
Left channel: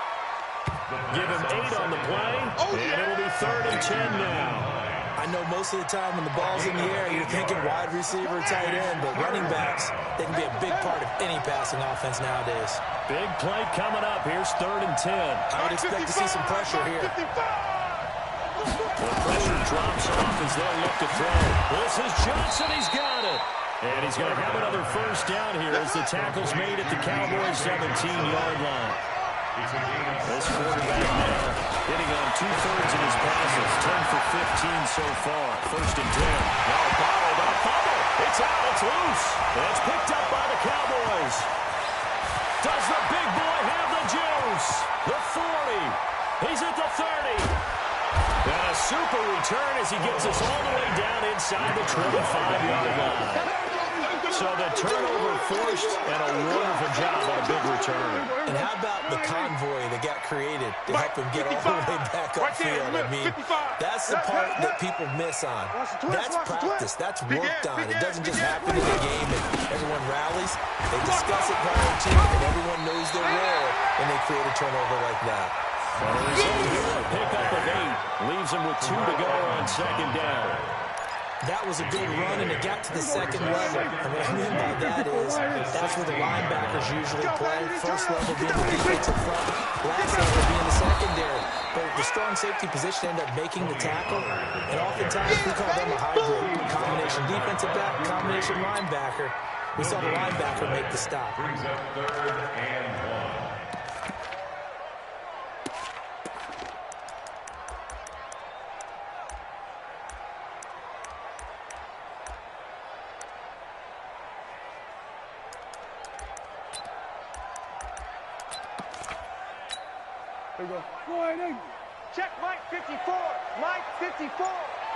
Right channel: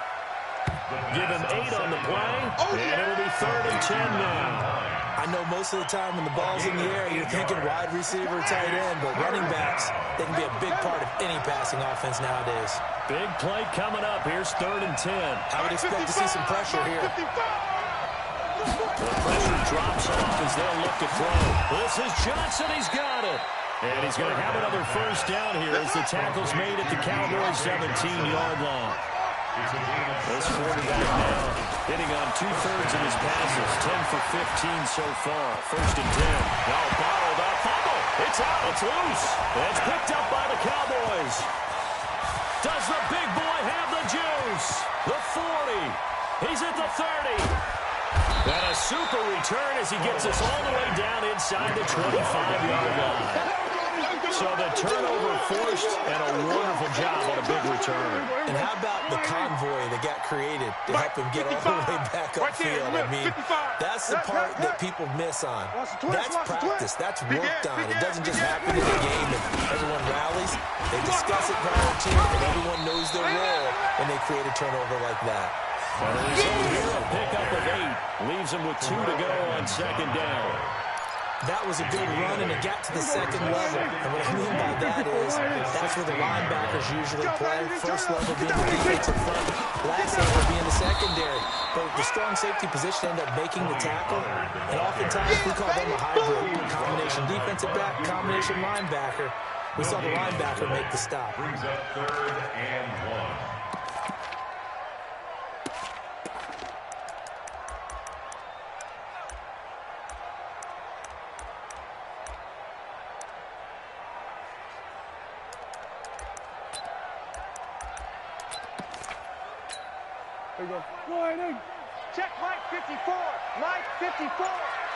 Give him 8 on the play, and it'll be 3rd and 10 now. I know most of the time when the ball's in the air, you're thinking wide receiver, tight end, but running backs, they can be a big part of any passing offense nowadays. Big play coming up. Here's 3rd and 10. I would expect to see some pressure here. The pressure drops off as they'll look to throw. This is Johnson. He's got it. And he's going to have another first down here as the tackle's made at the Cowboys' 17-yard line. This quarterback now hitting on 2/3 of his passes, 10 for 15 so far. 1st and 10. Now bottled up. Fumble. It's out. It's loose. It's picked up by the Cowboys. Does the big boy have the juice? The 40. He's at the 30. And a super return as he gets us all the way down inside the 25-yard line. So the turnover forced and a wonderful job on a big return. And how about the convoy that got created to help him get all the way back upfield? I mean, that's the part that people miss on. That's practice. That's worked on. It doesn't just happen in the game and everyone rallies. They discuss it prior to, and everyone knows their role when they create a turnover like that. And the result here, a pickup of 8. Leaves him with 2 to go on 2nd down. That was a good run, and it got to the 2nd level. And what I mean by that is that's where the linebackers usually play. First level being the defensive front, last level being the secondary. But the strong safety position ended up making the tackle, and oftentimes we call them a hybrid. Combination defensive back, combination linebacker. We saw the linebacker make the stop. Brings up 3rd and 1. There we go. Sliding. Check Mike 54. Mike 54.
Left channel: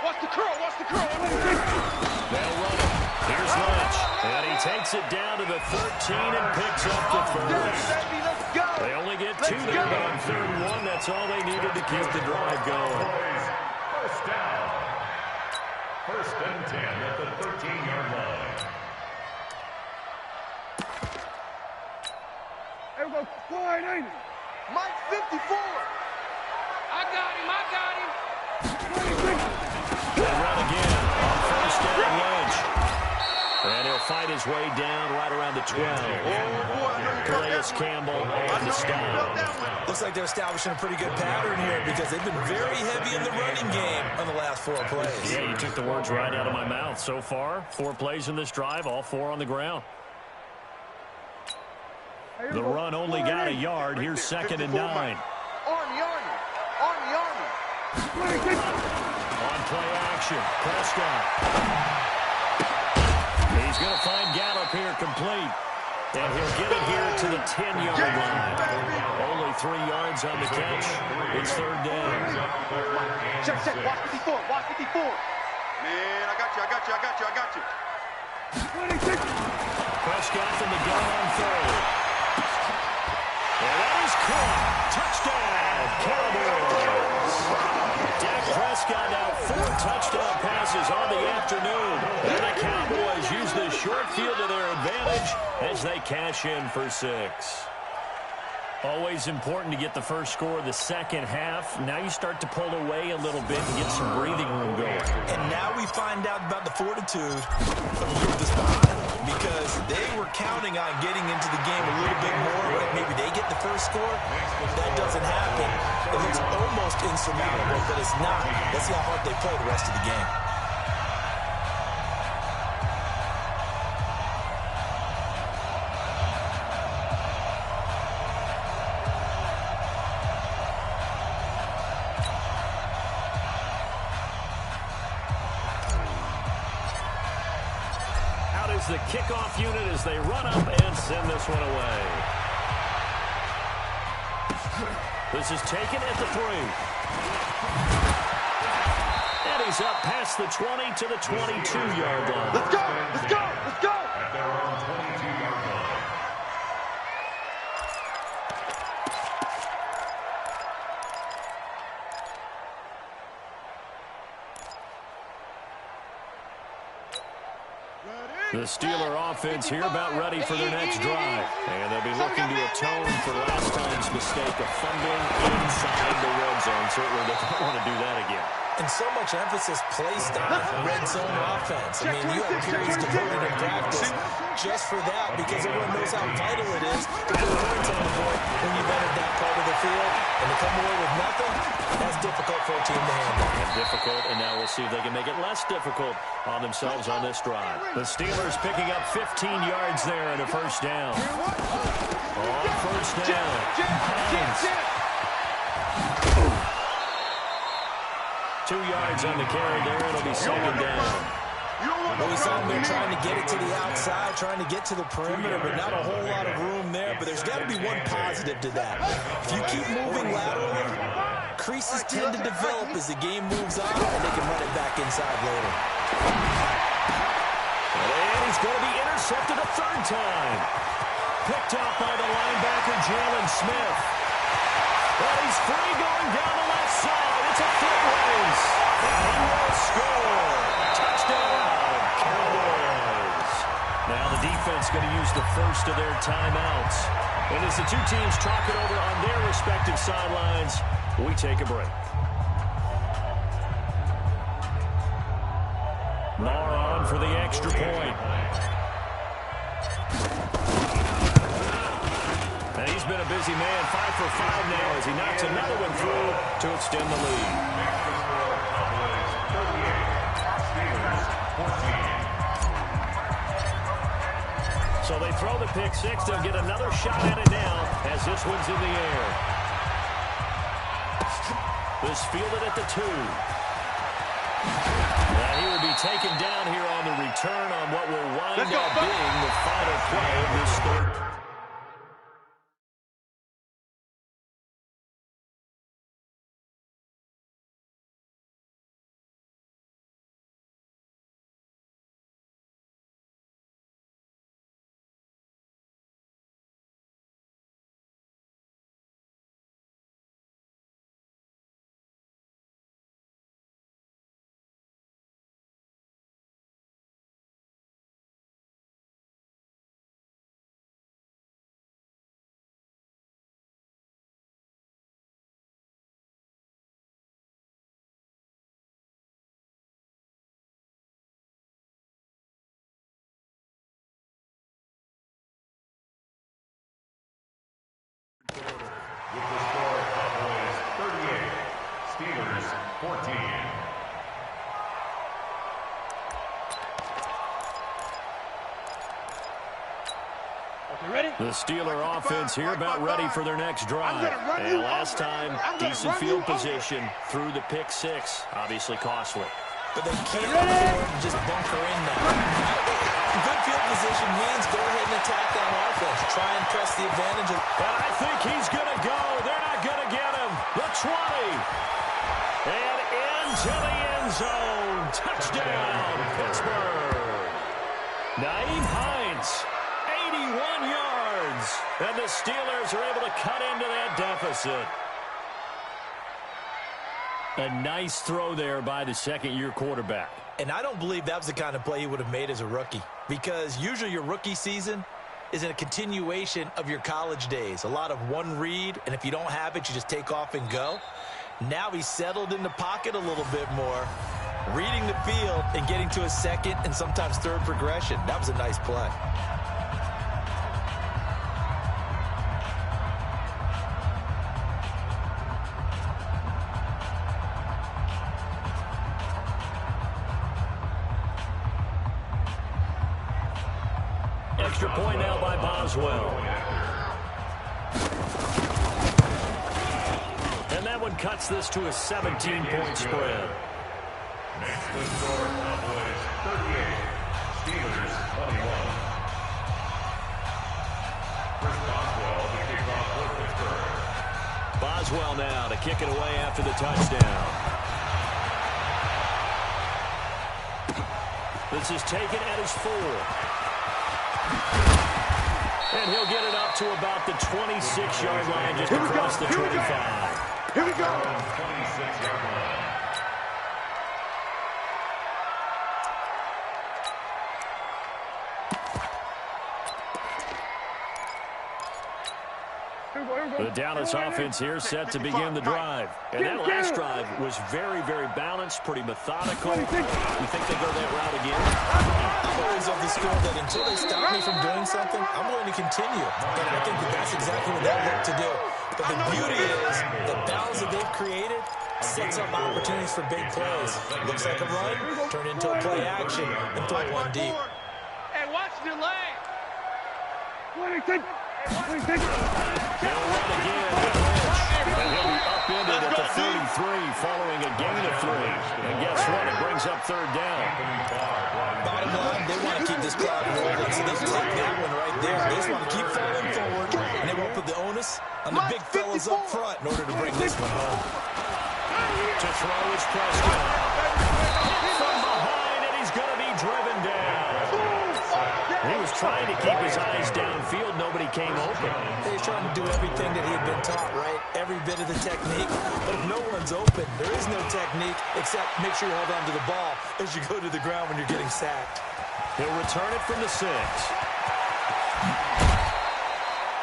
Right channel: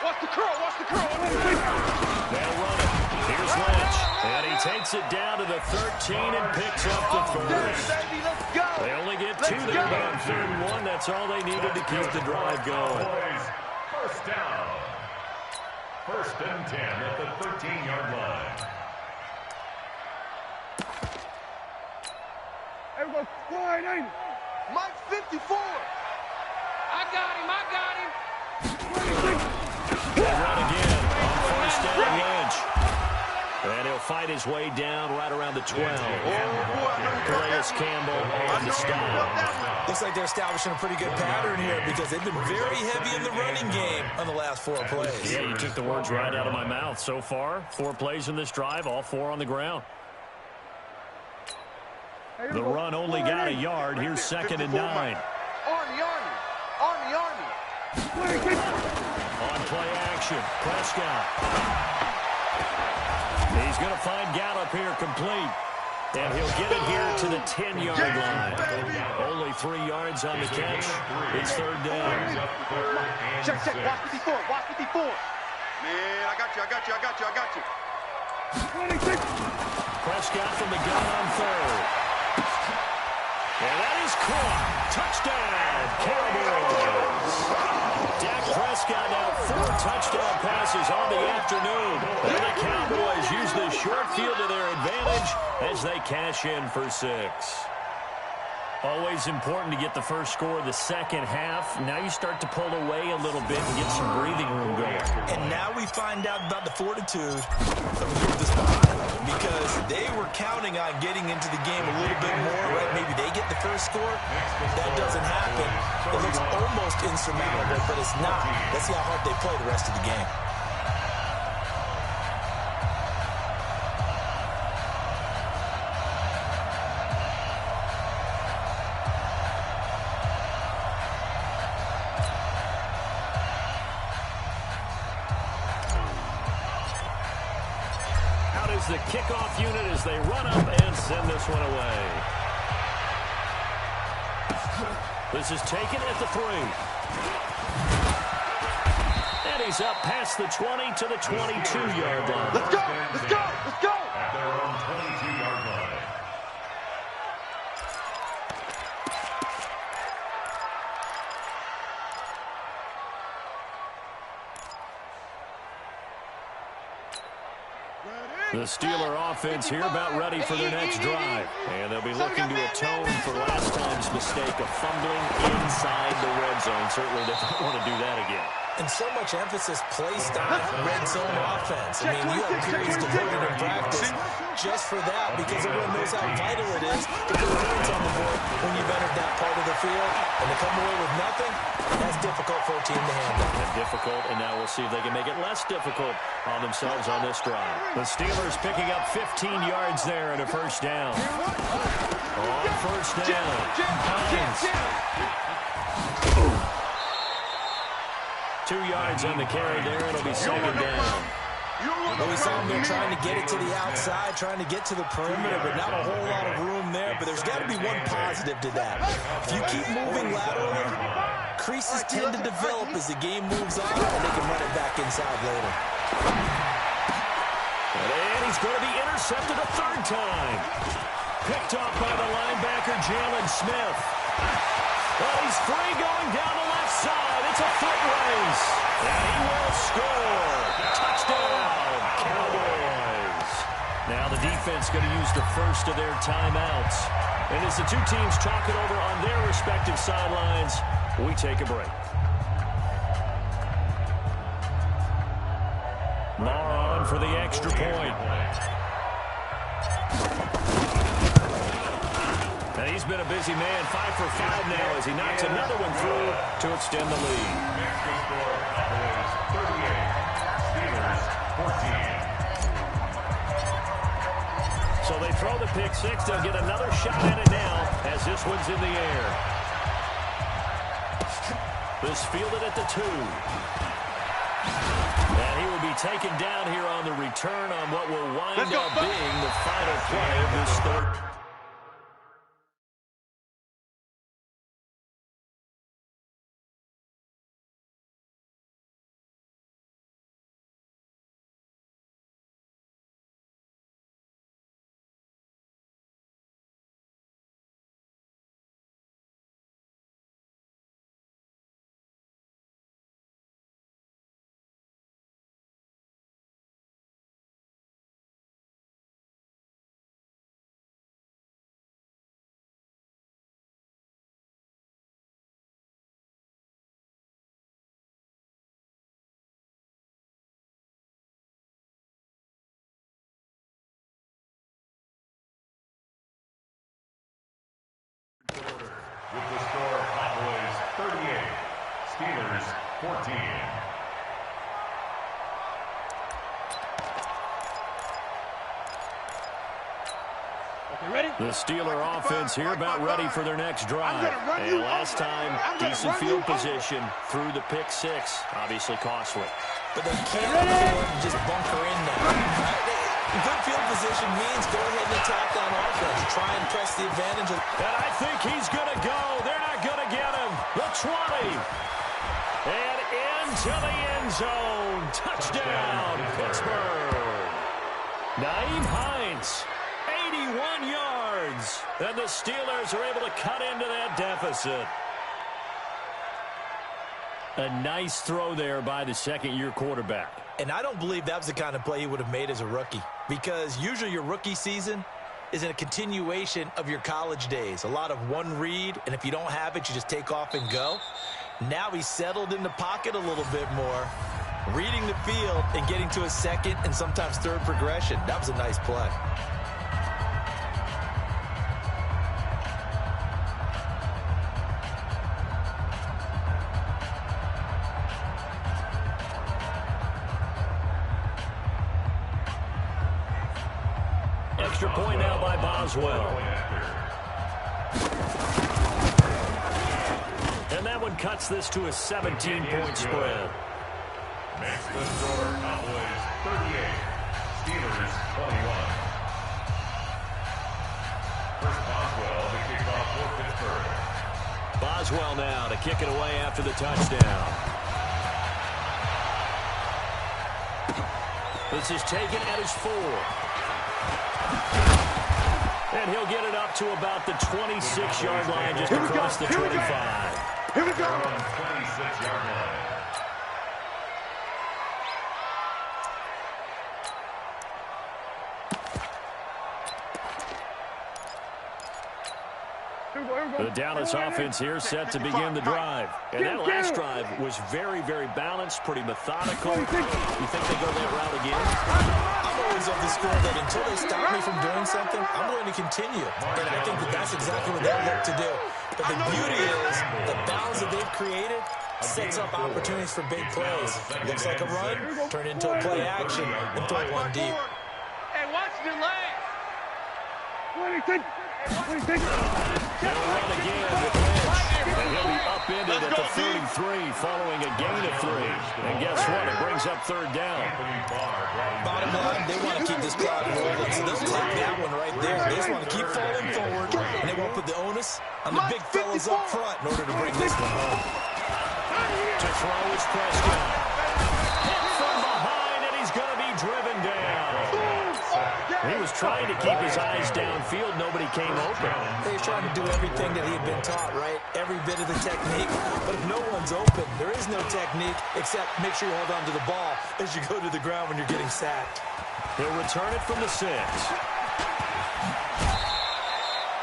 Watch the curl. Watch the curl. They'll run it. Here's Lynch. And he takes it down to the 13 and picks up the 1st. Baby, let's go. They only get 2 there, but on 3rd and 1, that's all they needed to keep the drive going. First down. 1st and 10 at the 13-yard line. There we go. Sliding. Mike 54. I got him. I got him. They run again on 1st down, Lynch. And he'll fight his way down right around the 12. Calais Campbell on the stop. Looks like they're establishing a pretty good pattern here because they've been very heavy in the running game on the last 4 plays. Yeah, you took the words right out of my mouth. So far, 4 plays in this drive, all 4 on the ground. The run only got a yard. Here's 2nd and 9. Army, Army. Army, Army. On play action, Prescott. He's going to find Gallup here complete. And he'll get it here to the 10-yard line. Only 3 yards on the catch. It's 3rd down. Check, check. Watch 54. Watch 54. Man, I got you. I got you. I got you. I got you. Prescott from the gun on 3rd. And that is caught. Touchdown, Cowboys. Dak Prescott now 4 touchdown passes on the afternoon. And the Cowboys use the short field to their advantage as they cash in for 6. Always important to get the first score of the second half. Now you start to pull away a little bit and get some breathing room going. And now we find out about the fortitude of this behind because they were counting on getting into the game a little bit more, right? Maybe they get the first score. That doesn't happen. It looks almost insurmountable, but it's not. Let's see how hard they play the rest of the game. The kickoff unit as they run up and send this one away. This is taken at the 3. And he's up past the 20 to the 22-yard line. Let's go! Let's go! Let's go! At their own 22-yard line. The Steeler offense here about ready for their next drive. And they'll be looking to atone for last time's mistake of fumbling inside the red zone. Certainly they don't want to do that again. And so much emphasis placed on red zone offense. I mean, you have periods devoted in practice just for that because everyone knows how vital it is to put points on the board when you've entered that part of the field. And to come away with nothing, that's difficult for a team to handle. And difficult, and now we'll see if they can make it less difficult on themselves on this drive. The Steelers picking up 15 yards there and a first down. On first down, Hines. 2 yards on the carry there. It'll be second down. Well, we saw him there trying to get it to the outside, trying to get to the perimeter, but not a whole lot of room there. But there's got to be one positive to that. If you keep moving laterally, creases tend to develop as the game moves on, and they can run it back inside later. And he's going to be intercepted a third time. Picked off by the linebacker, Jalen Smith. But he's free going down the left side. It's a foot race. And he will score. Touchdown, Cowboys. Now the defense going to use the first of their timeouts. And as the two teams talk it over on their respective sidelines, we take a break. Marr on for the extra point. And he's been a busy man, 5 for 5 now as he knocks another one through to extend the lead. Next to score, Cowboys 38, Steelers 14. So they throw the pick six. They'll get another shot at it now as this one's in the air. This fielded at the 2. And he will be taken down here on the return on what will wind up being the final play of this third. With the score, Cowboys 38, Steelers 14. The Steeler offense here about ready for their next drive. And last time, decent field position through the pick six. Obviously costly. But they can't afford to just bunker in now. Good field position means go ahead and attack on offense. Try and press the advantage. And I think he's going to go. They're not going to get him. The 20. And into the end zone. Touchdown, Pittsburgh. Nyheim Hines, 81 yards. And the Steelers are able to cut into that deficit. A nice throw there by the second-year quarterback. And I don't believe that was the kind of play he would have made as a rookie, because usually your rookie season is a continuation of your college days. A lot of one read, and if you don't have it, you just take off and go. Now he's settled in the pocket a little bit more, reading the field and getting to a second and sometimes third progression. That was a nice play. Extra point now by Boswell. And that one cuts this to a 17-point spread. Next to score, Cowboys 38, Steelers 21. Chris Boswell, the kickoff for Pittsburgh. Boswell now to kick it away after the touchdown. This is taken at his 4. And he'll get it up to about the 26-yard line, just across the 25. Here we go. 26-yard line. The Dallas offense here set to begin the drive. And that last drive was very, very balanced, pretty methodical. You think they go that route again? I'm always of the school that until they stop me from doing something, I'm going to continue. And I think that that's exactly what they'll look to do. But the beauty is the balance that they've created sets up opportunities for big plays. Looks like a run, turn into a play action, and throw one deep. Hey, watch the lane. They'll run again with Lynch. And he'll be upended at the 33 following a gain of 3. And guess what? It brings up third down. Bottom line, they want to keep this clock rolling, so they'll take that one right there. They just want to keep falling forward, and they won't put the onus on the big fellas up front in order to bring this one home. To throw is Prescott. From behind, and he's going to be driven down. He was trying to keep his eyes downfield. Nobody came open. He's trying to do everything that he had been taught, right? Every bit of the technique. But if no one's open, there is no technique except make sure you hold on to the ball as you go to the ground when you're getting sacked. He'll return it from the 6.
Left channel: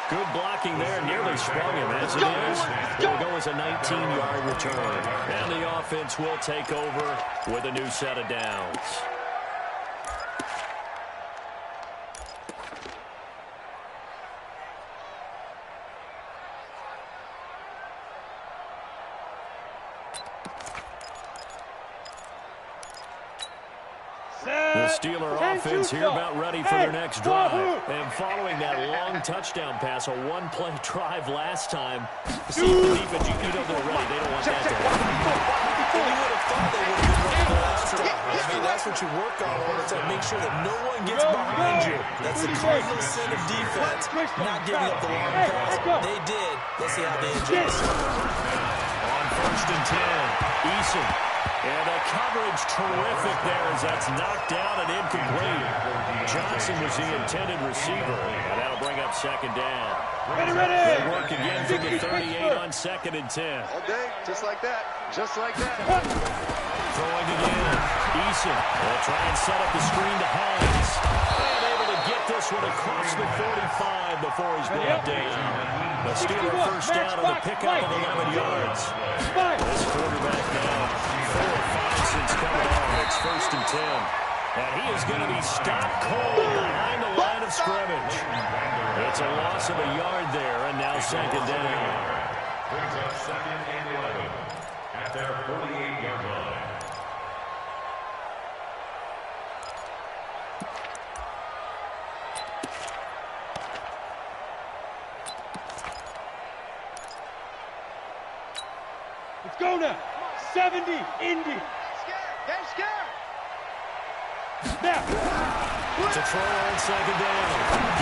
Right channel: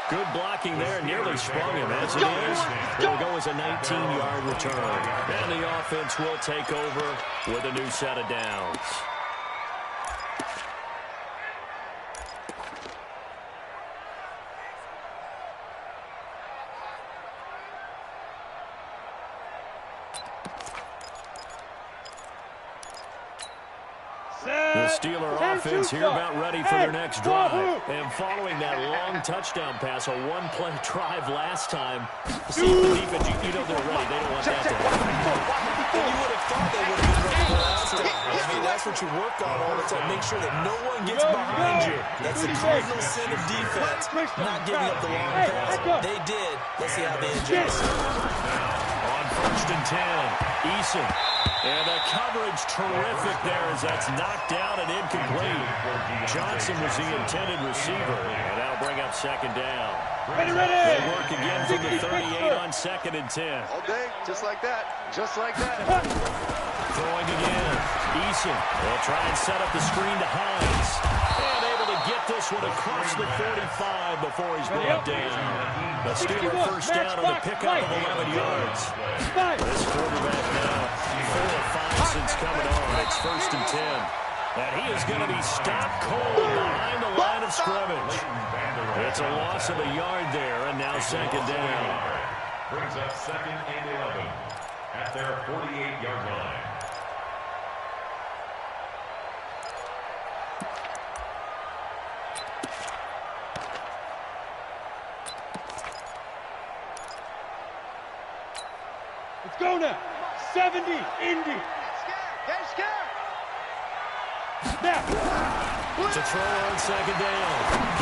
Good blocking there. Nearly sprung him as it is. It'll go as a 19-yard return. And the offense will take over with a new set of downs. The Steeler offense here about ready for their next drive. And following that long touchdown pass, a one-play drive last time, see the defense, you know they're ready. They don't want that to happen. Well, you would have thought they would have been ready the last time. I mean, that's what you work on all the time. Make sure that no one gets behind you. That's the cardinal sin of defense, not giving up the long pass. They did. Let's see how they adjust. On 1st and 10, Eason. And the coverage terrific there as that's knocked down and incomplete. Johnson was the intended receiver, and that'll bring up 2nd down. They work again from the 38 on 2nd and 10. All day, just like that. Just like that. Throwing again. Eason will try and set up the screen to Hines. And able to get this one across the 45 before he's brought down. The Steeler first down on the pickup of 11 yards. This quarterback now 4 of 5 since coming on. It's 1st and 10. And he is going to be stopped cold behind the line of scrimmage. It's a loss of a yard there, and now 2nd down. Brings up 2nd and 11 at their 48-yard line. Let's go now. 70, Indy. Get scared. Now. To throw on 2nd down.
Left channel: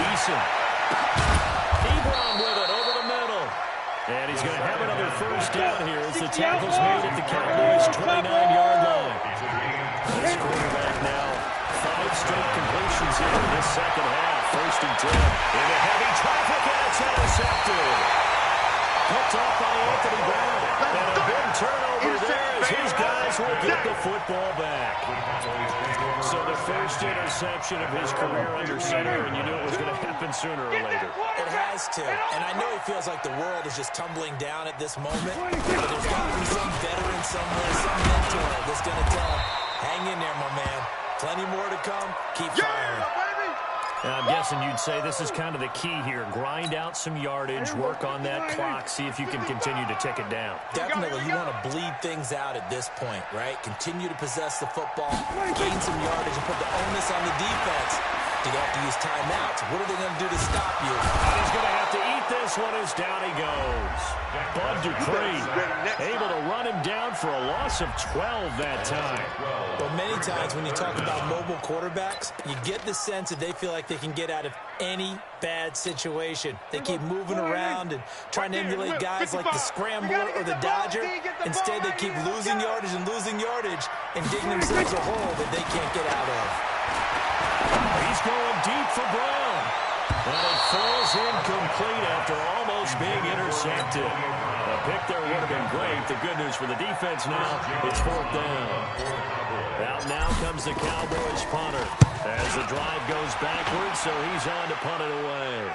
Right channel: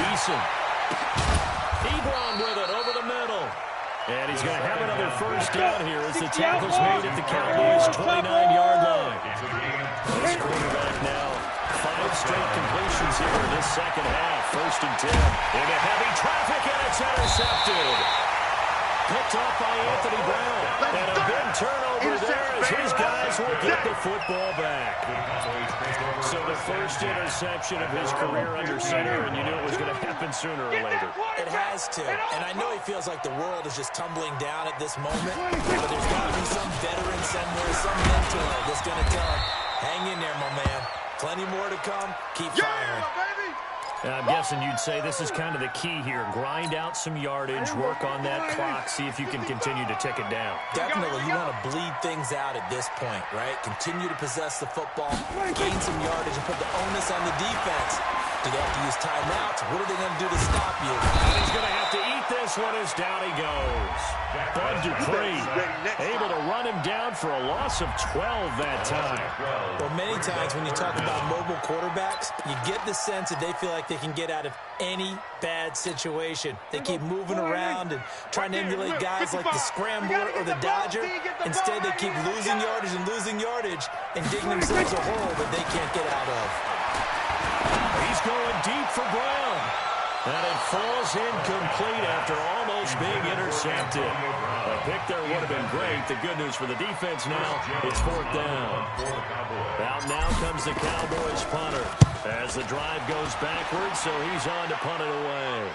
Eason. Ebron with it over the middle. And he's going to have another first down here as the tackle's made at the Cowboys' 29-yard line. This quarterback now 5 straight completions here in this second half. 1st and 10. Into heavy traffic, and it's intercepted. Picked off by Anthony Brown. And a big turnover there as his guys will get the football back. So the first interception of his career under center, and you knew it was going to happen sooner or later. It has to. And I know he feels like the world is just tumbling down at this moment. But there's got to be some veteran somewhere, some mentor that's going to tell him, hang in there, my man. Plenty more to come. Keep firing. I'm guessing you'd say this is kind of the key here. Grind out some yardage, work on that clock, see if you can continue to tick it down. Definitely, you want to bleed things out at this point, right? Continue to possess the football, gain some yardage, and put the onus on the defense. Do they have to use timeouts? What are they going to do to stop you? And he's going to have to eat get this one as down he goes. Bud Dupree able to run him down for a loss of 12 that time. Well, many times when you talk about mobile quarterbacks, you get the sense that they feel like they can get out of any bad situation. They keep moving around and trying to emulate guys like the Scrambler or the Dodger. Instead, they keep losing yardage and digging themselves a hole that they can't get out of. He's going deep for Brown. And it falls incomplete after almost being intercepted. A pick there would have been great. The good news for the defense now, it's 4th down. Out now comes the Cowboys punter as the drive goes backwards, so he's on to punt it away.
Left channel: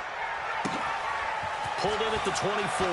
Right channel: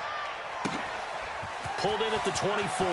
Pulled in at the 24.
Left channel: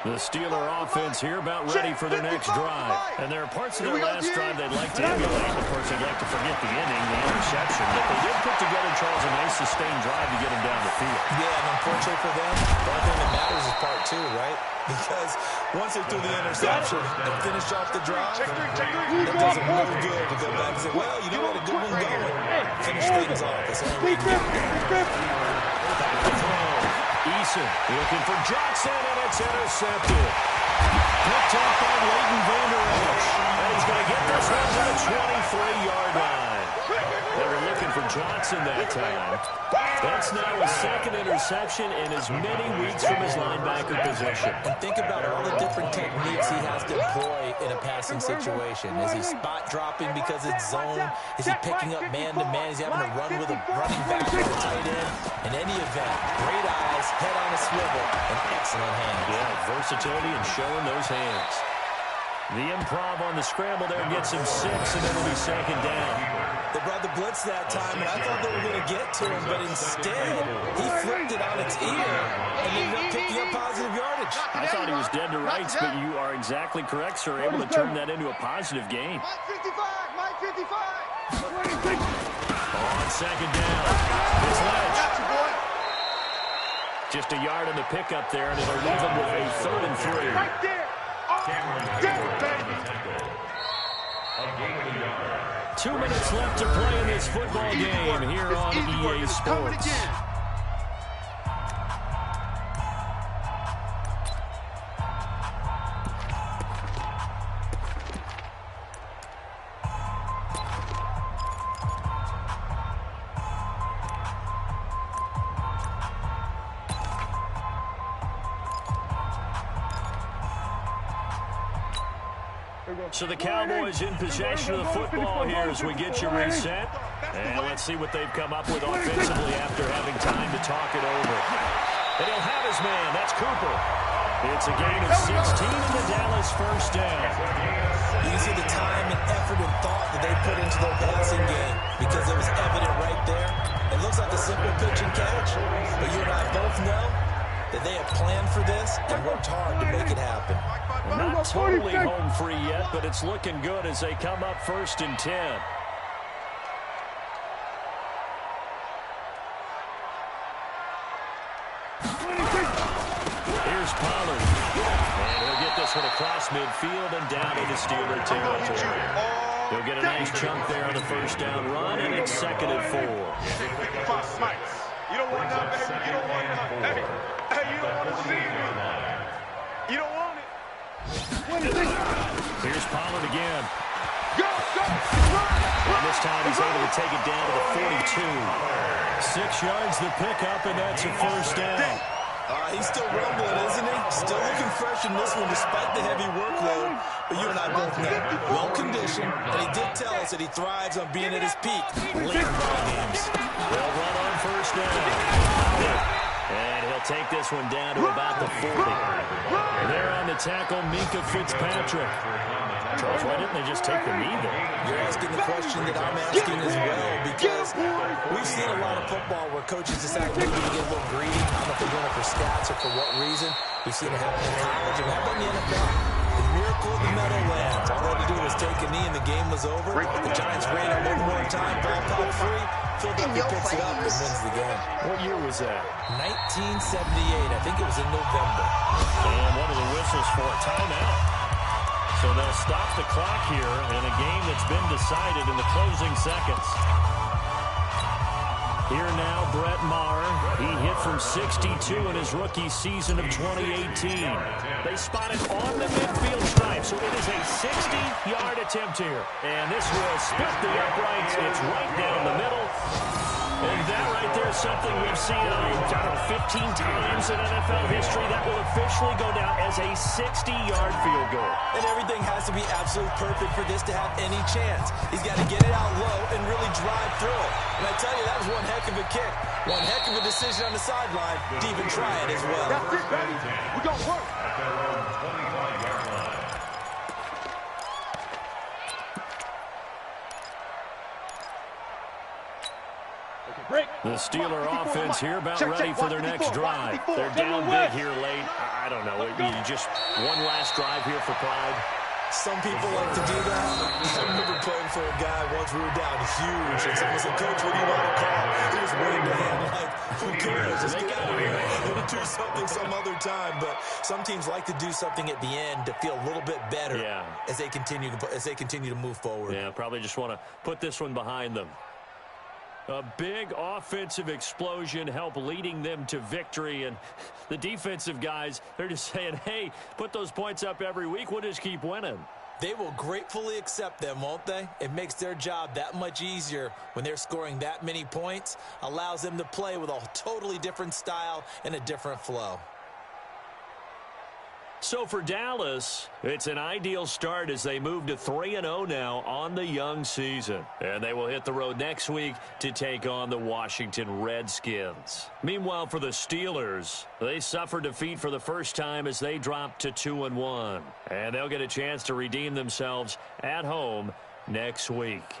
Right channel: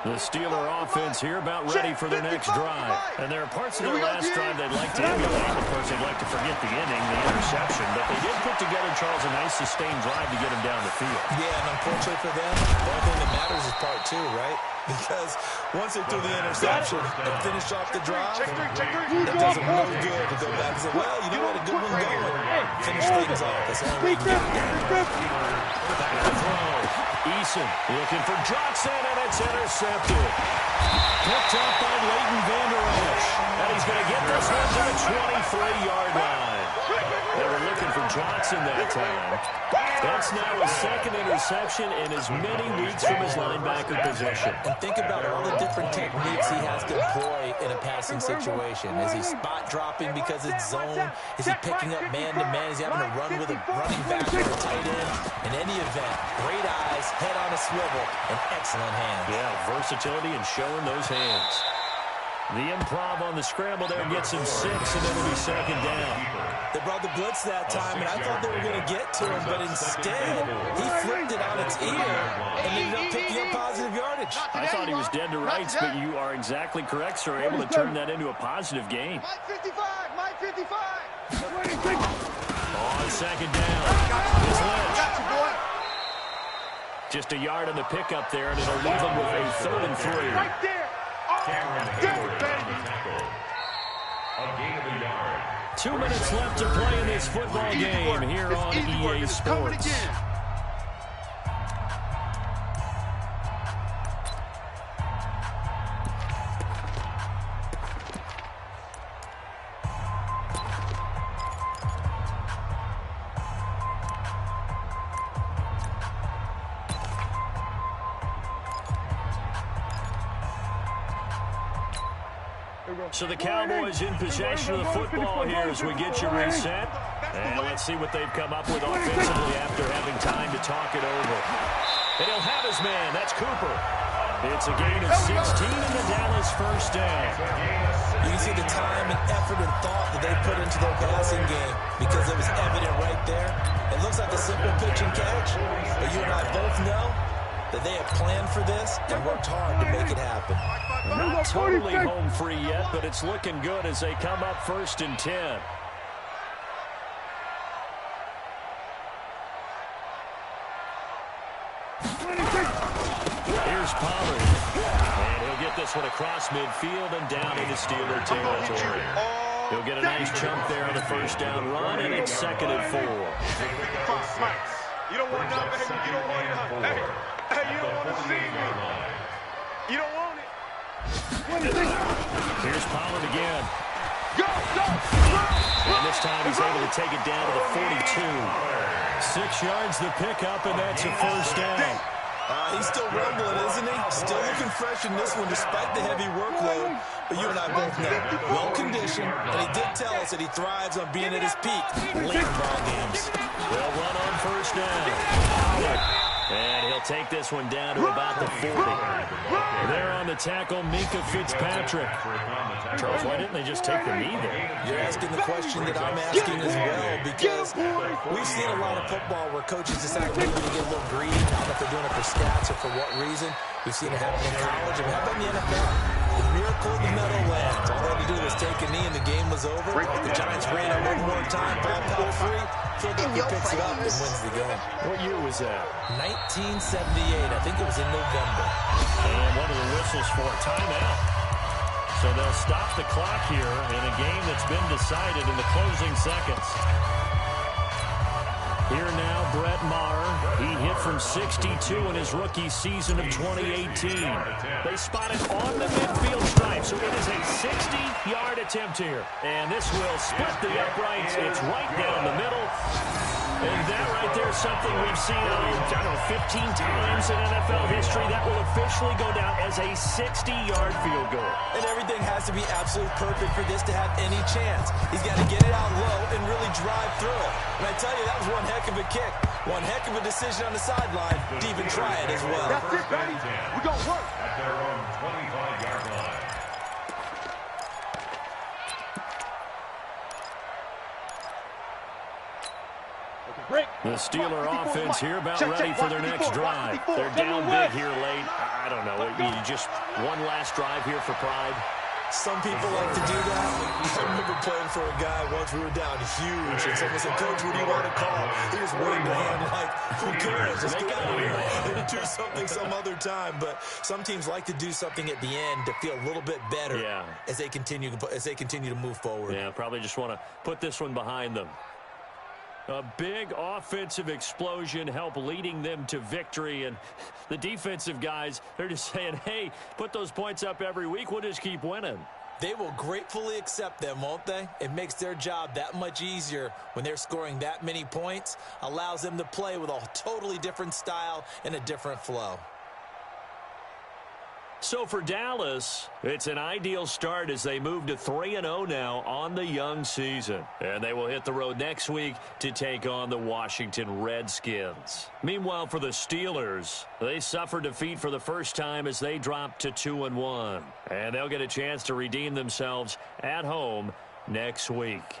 The Steeler offense here about ready for their next drive. And there are parts of their last drive they'd like to emulate. Of course, they'd like to forget the inning, the interception. But they did put together, Charles, a nice sustained drive to get him down the field. Yeah, and unfortunately for them, the only thing that matters is part 2, right? Because once they threw the interception and finished off the drive, it doesn't really good to go back and say, well, you know what, a good one going. Finish things off. That's the only way you can get there. Back to throw. Eason looking for Johnson, and it's intercepted. Picked up by Leighton Vander Esch. And he's going to get this one to the 23-yard line. They were looking for Johnson that time. That's now his 2nd interception in as many weeks from his linebacker position. And think about all the different techniques he has to employ in a passing situation. Is he spot dropping because it's zone? Is he picking up man-to-man? Is he having to run with a running back or a tight end? In any event, great eyes, head on a swivel, and excellent hands. Yeah, versatility and showing those hands. The improv on the scramble there gets him 6, and it'll be 2nd down. They brought the blitz that time, and I thought they were going to get to him, but instead, he flipped it on its ear and ended up picking up positive yardage. I thought he was dead to rights, but you are exactly correct, sir. Able to turn that into a positive game. Mike 55, Mike 55. On 2nd down, it's Lynch. Just a yard on the pickup there, and it'll leave them with a 3rd and 3. Right there. A gain of a yard. 2 minutes left to play in this football game here on EA Sports. So the Cowboys in possession of the football here as we get you reset. And let's see what they've come up with offensively after having time to talk it over. And he'll have his man. That's Cooper. It's a gain of 16 in the Dallas 1st down. You can see the time and effort and thought that they put into their passing game because it was evident right there. It looks like a simple pitch and catch, but you and I both know that they have planned for this and worked hard to make it happen. Not totally home free yet, but it's looking good as they come up 1st and 10. Here's Pollard. And he'll get this one across midfield and down into Steeler territory. He'll get a nice chunk there on the 1st down run, and it's 2nd and 4. You don't want none, baby. You don't want none. Hey, you don't want to see me. You don't want it. Here's Pollard again. Go, go, run. And this time he's able to take it down to the 42. 6 yards the pickup, and that's a 1st down. He's still rumbling, isn't he? Still looking fresh in this one despite the heavy workload. But you and I both know, well-conditioned, and he did tell us that he thrives on being at his peak late in ball games. They'll run on 1st down. And he'll take this one down to about the 40. There on the tackle, Minkah Fitzpatrick. Charles, why didn't they just take the knee there? You're asking the question that I'm asking as well, because we've seen a lot of football where coaches decide maybe to get a little greedy. I don't know if they're doing it for stats or for what reason. We've seen it happen in college, and how about in the NFL? The miracle of the Meadowlands. All they had to do was take a knee and the game was over. The Giants ran it one more time. Ball popped free. Philadelphia picks it up and wins the game. What year was that? 1978. I think it was in November. And what are the whistles for? Timeout. So they'll stop the clock here in a game that's been decided in the closing seconds. Here now, Brett Maher. He hit from 62 in his rookie season of 2018. They spot it on the midfield stripe, so it is a 60-yard attempt here. And this will split the uprights. It's right down the middle. And that right there is something we've seen, I don't know, 15 times in NFL history. That will officially go down as a 60-yard field goal. And everything has to be absolutely perfect for this to have any chance. He's got to get it out low and really drive through it. And I tell you, that was one heck of a kick. One heck of a decision on the sideline to even try it as well. That's it, baby. We're going to work. At their own 25-yard line. The Steeler offense here about ready for their next drive. They're down big here late. I don't know. You just one last drive here for pride. Some people like to do that. I remember playing for a guy once. We were down huge, and someone said, "Coach, what do you want to call?" He just waved a hand like, "Who cares? Let's get out of here and do something some other time." But some teams like to do something at the end to feel a little bit better as they continue to move forward. Yeah, probably just want to put this one behind them. A big offensive explosion helped leading them to victory. And the defensive guys, they're just saying, hey, put those points up every week. We'll just keep winning. They will gratefully accept them, won't they? It makes their job that much easier when they're scoring that many points. Allows them to play with a totally different style and a different flow. So for Dallas, it's an ideal start as they move to 3-0 now on the young season. And they will hit the road next week to take on the Washington Redskins. Meanwhile, for the Steelers, they suffered defeat for the first time as they dropped to 2-1. And they'll get a chance to redeem themselves at home next week.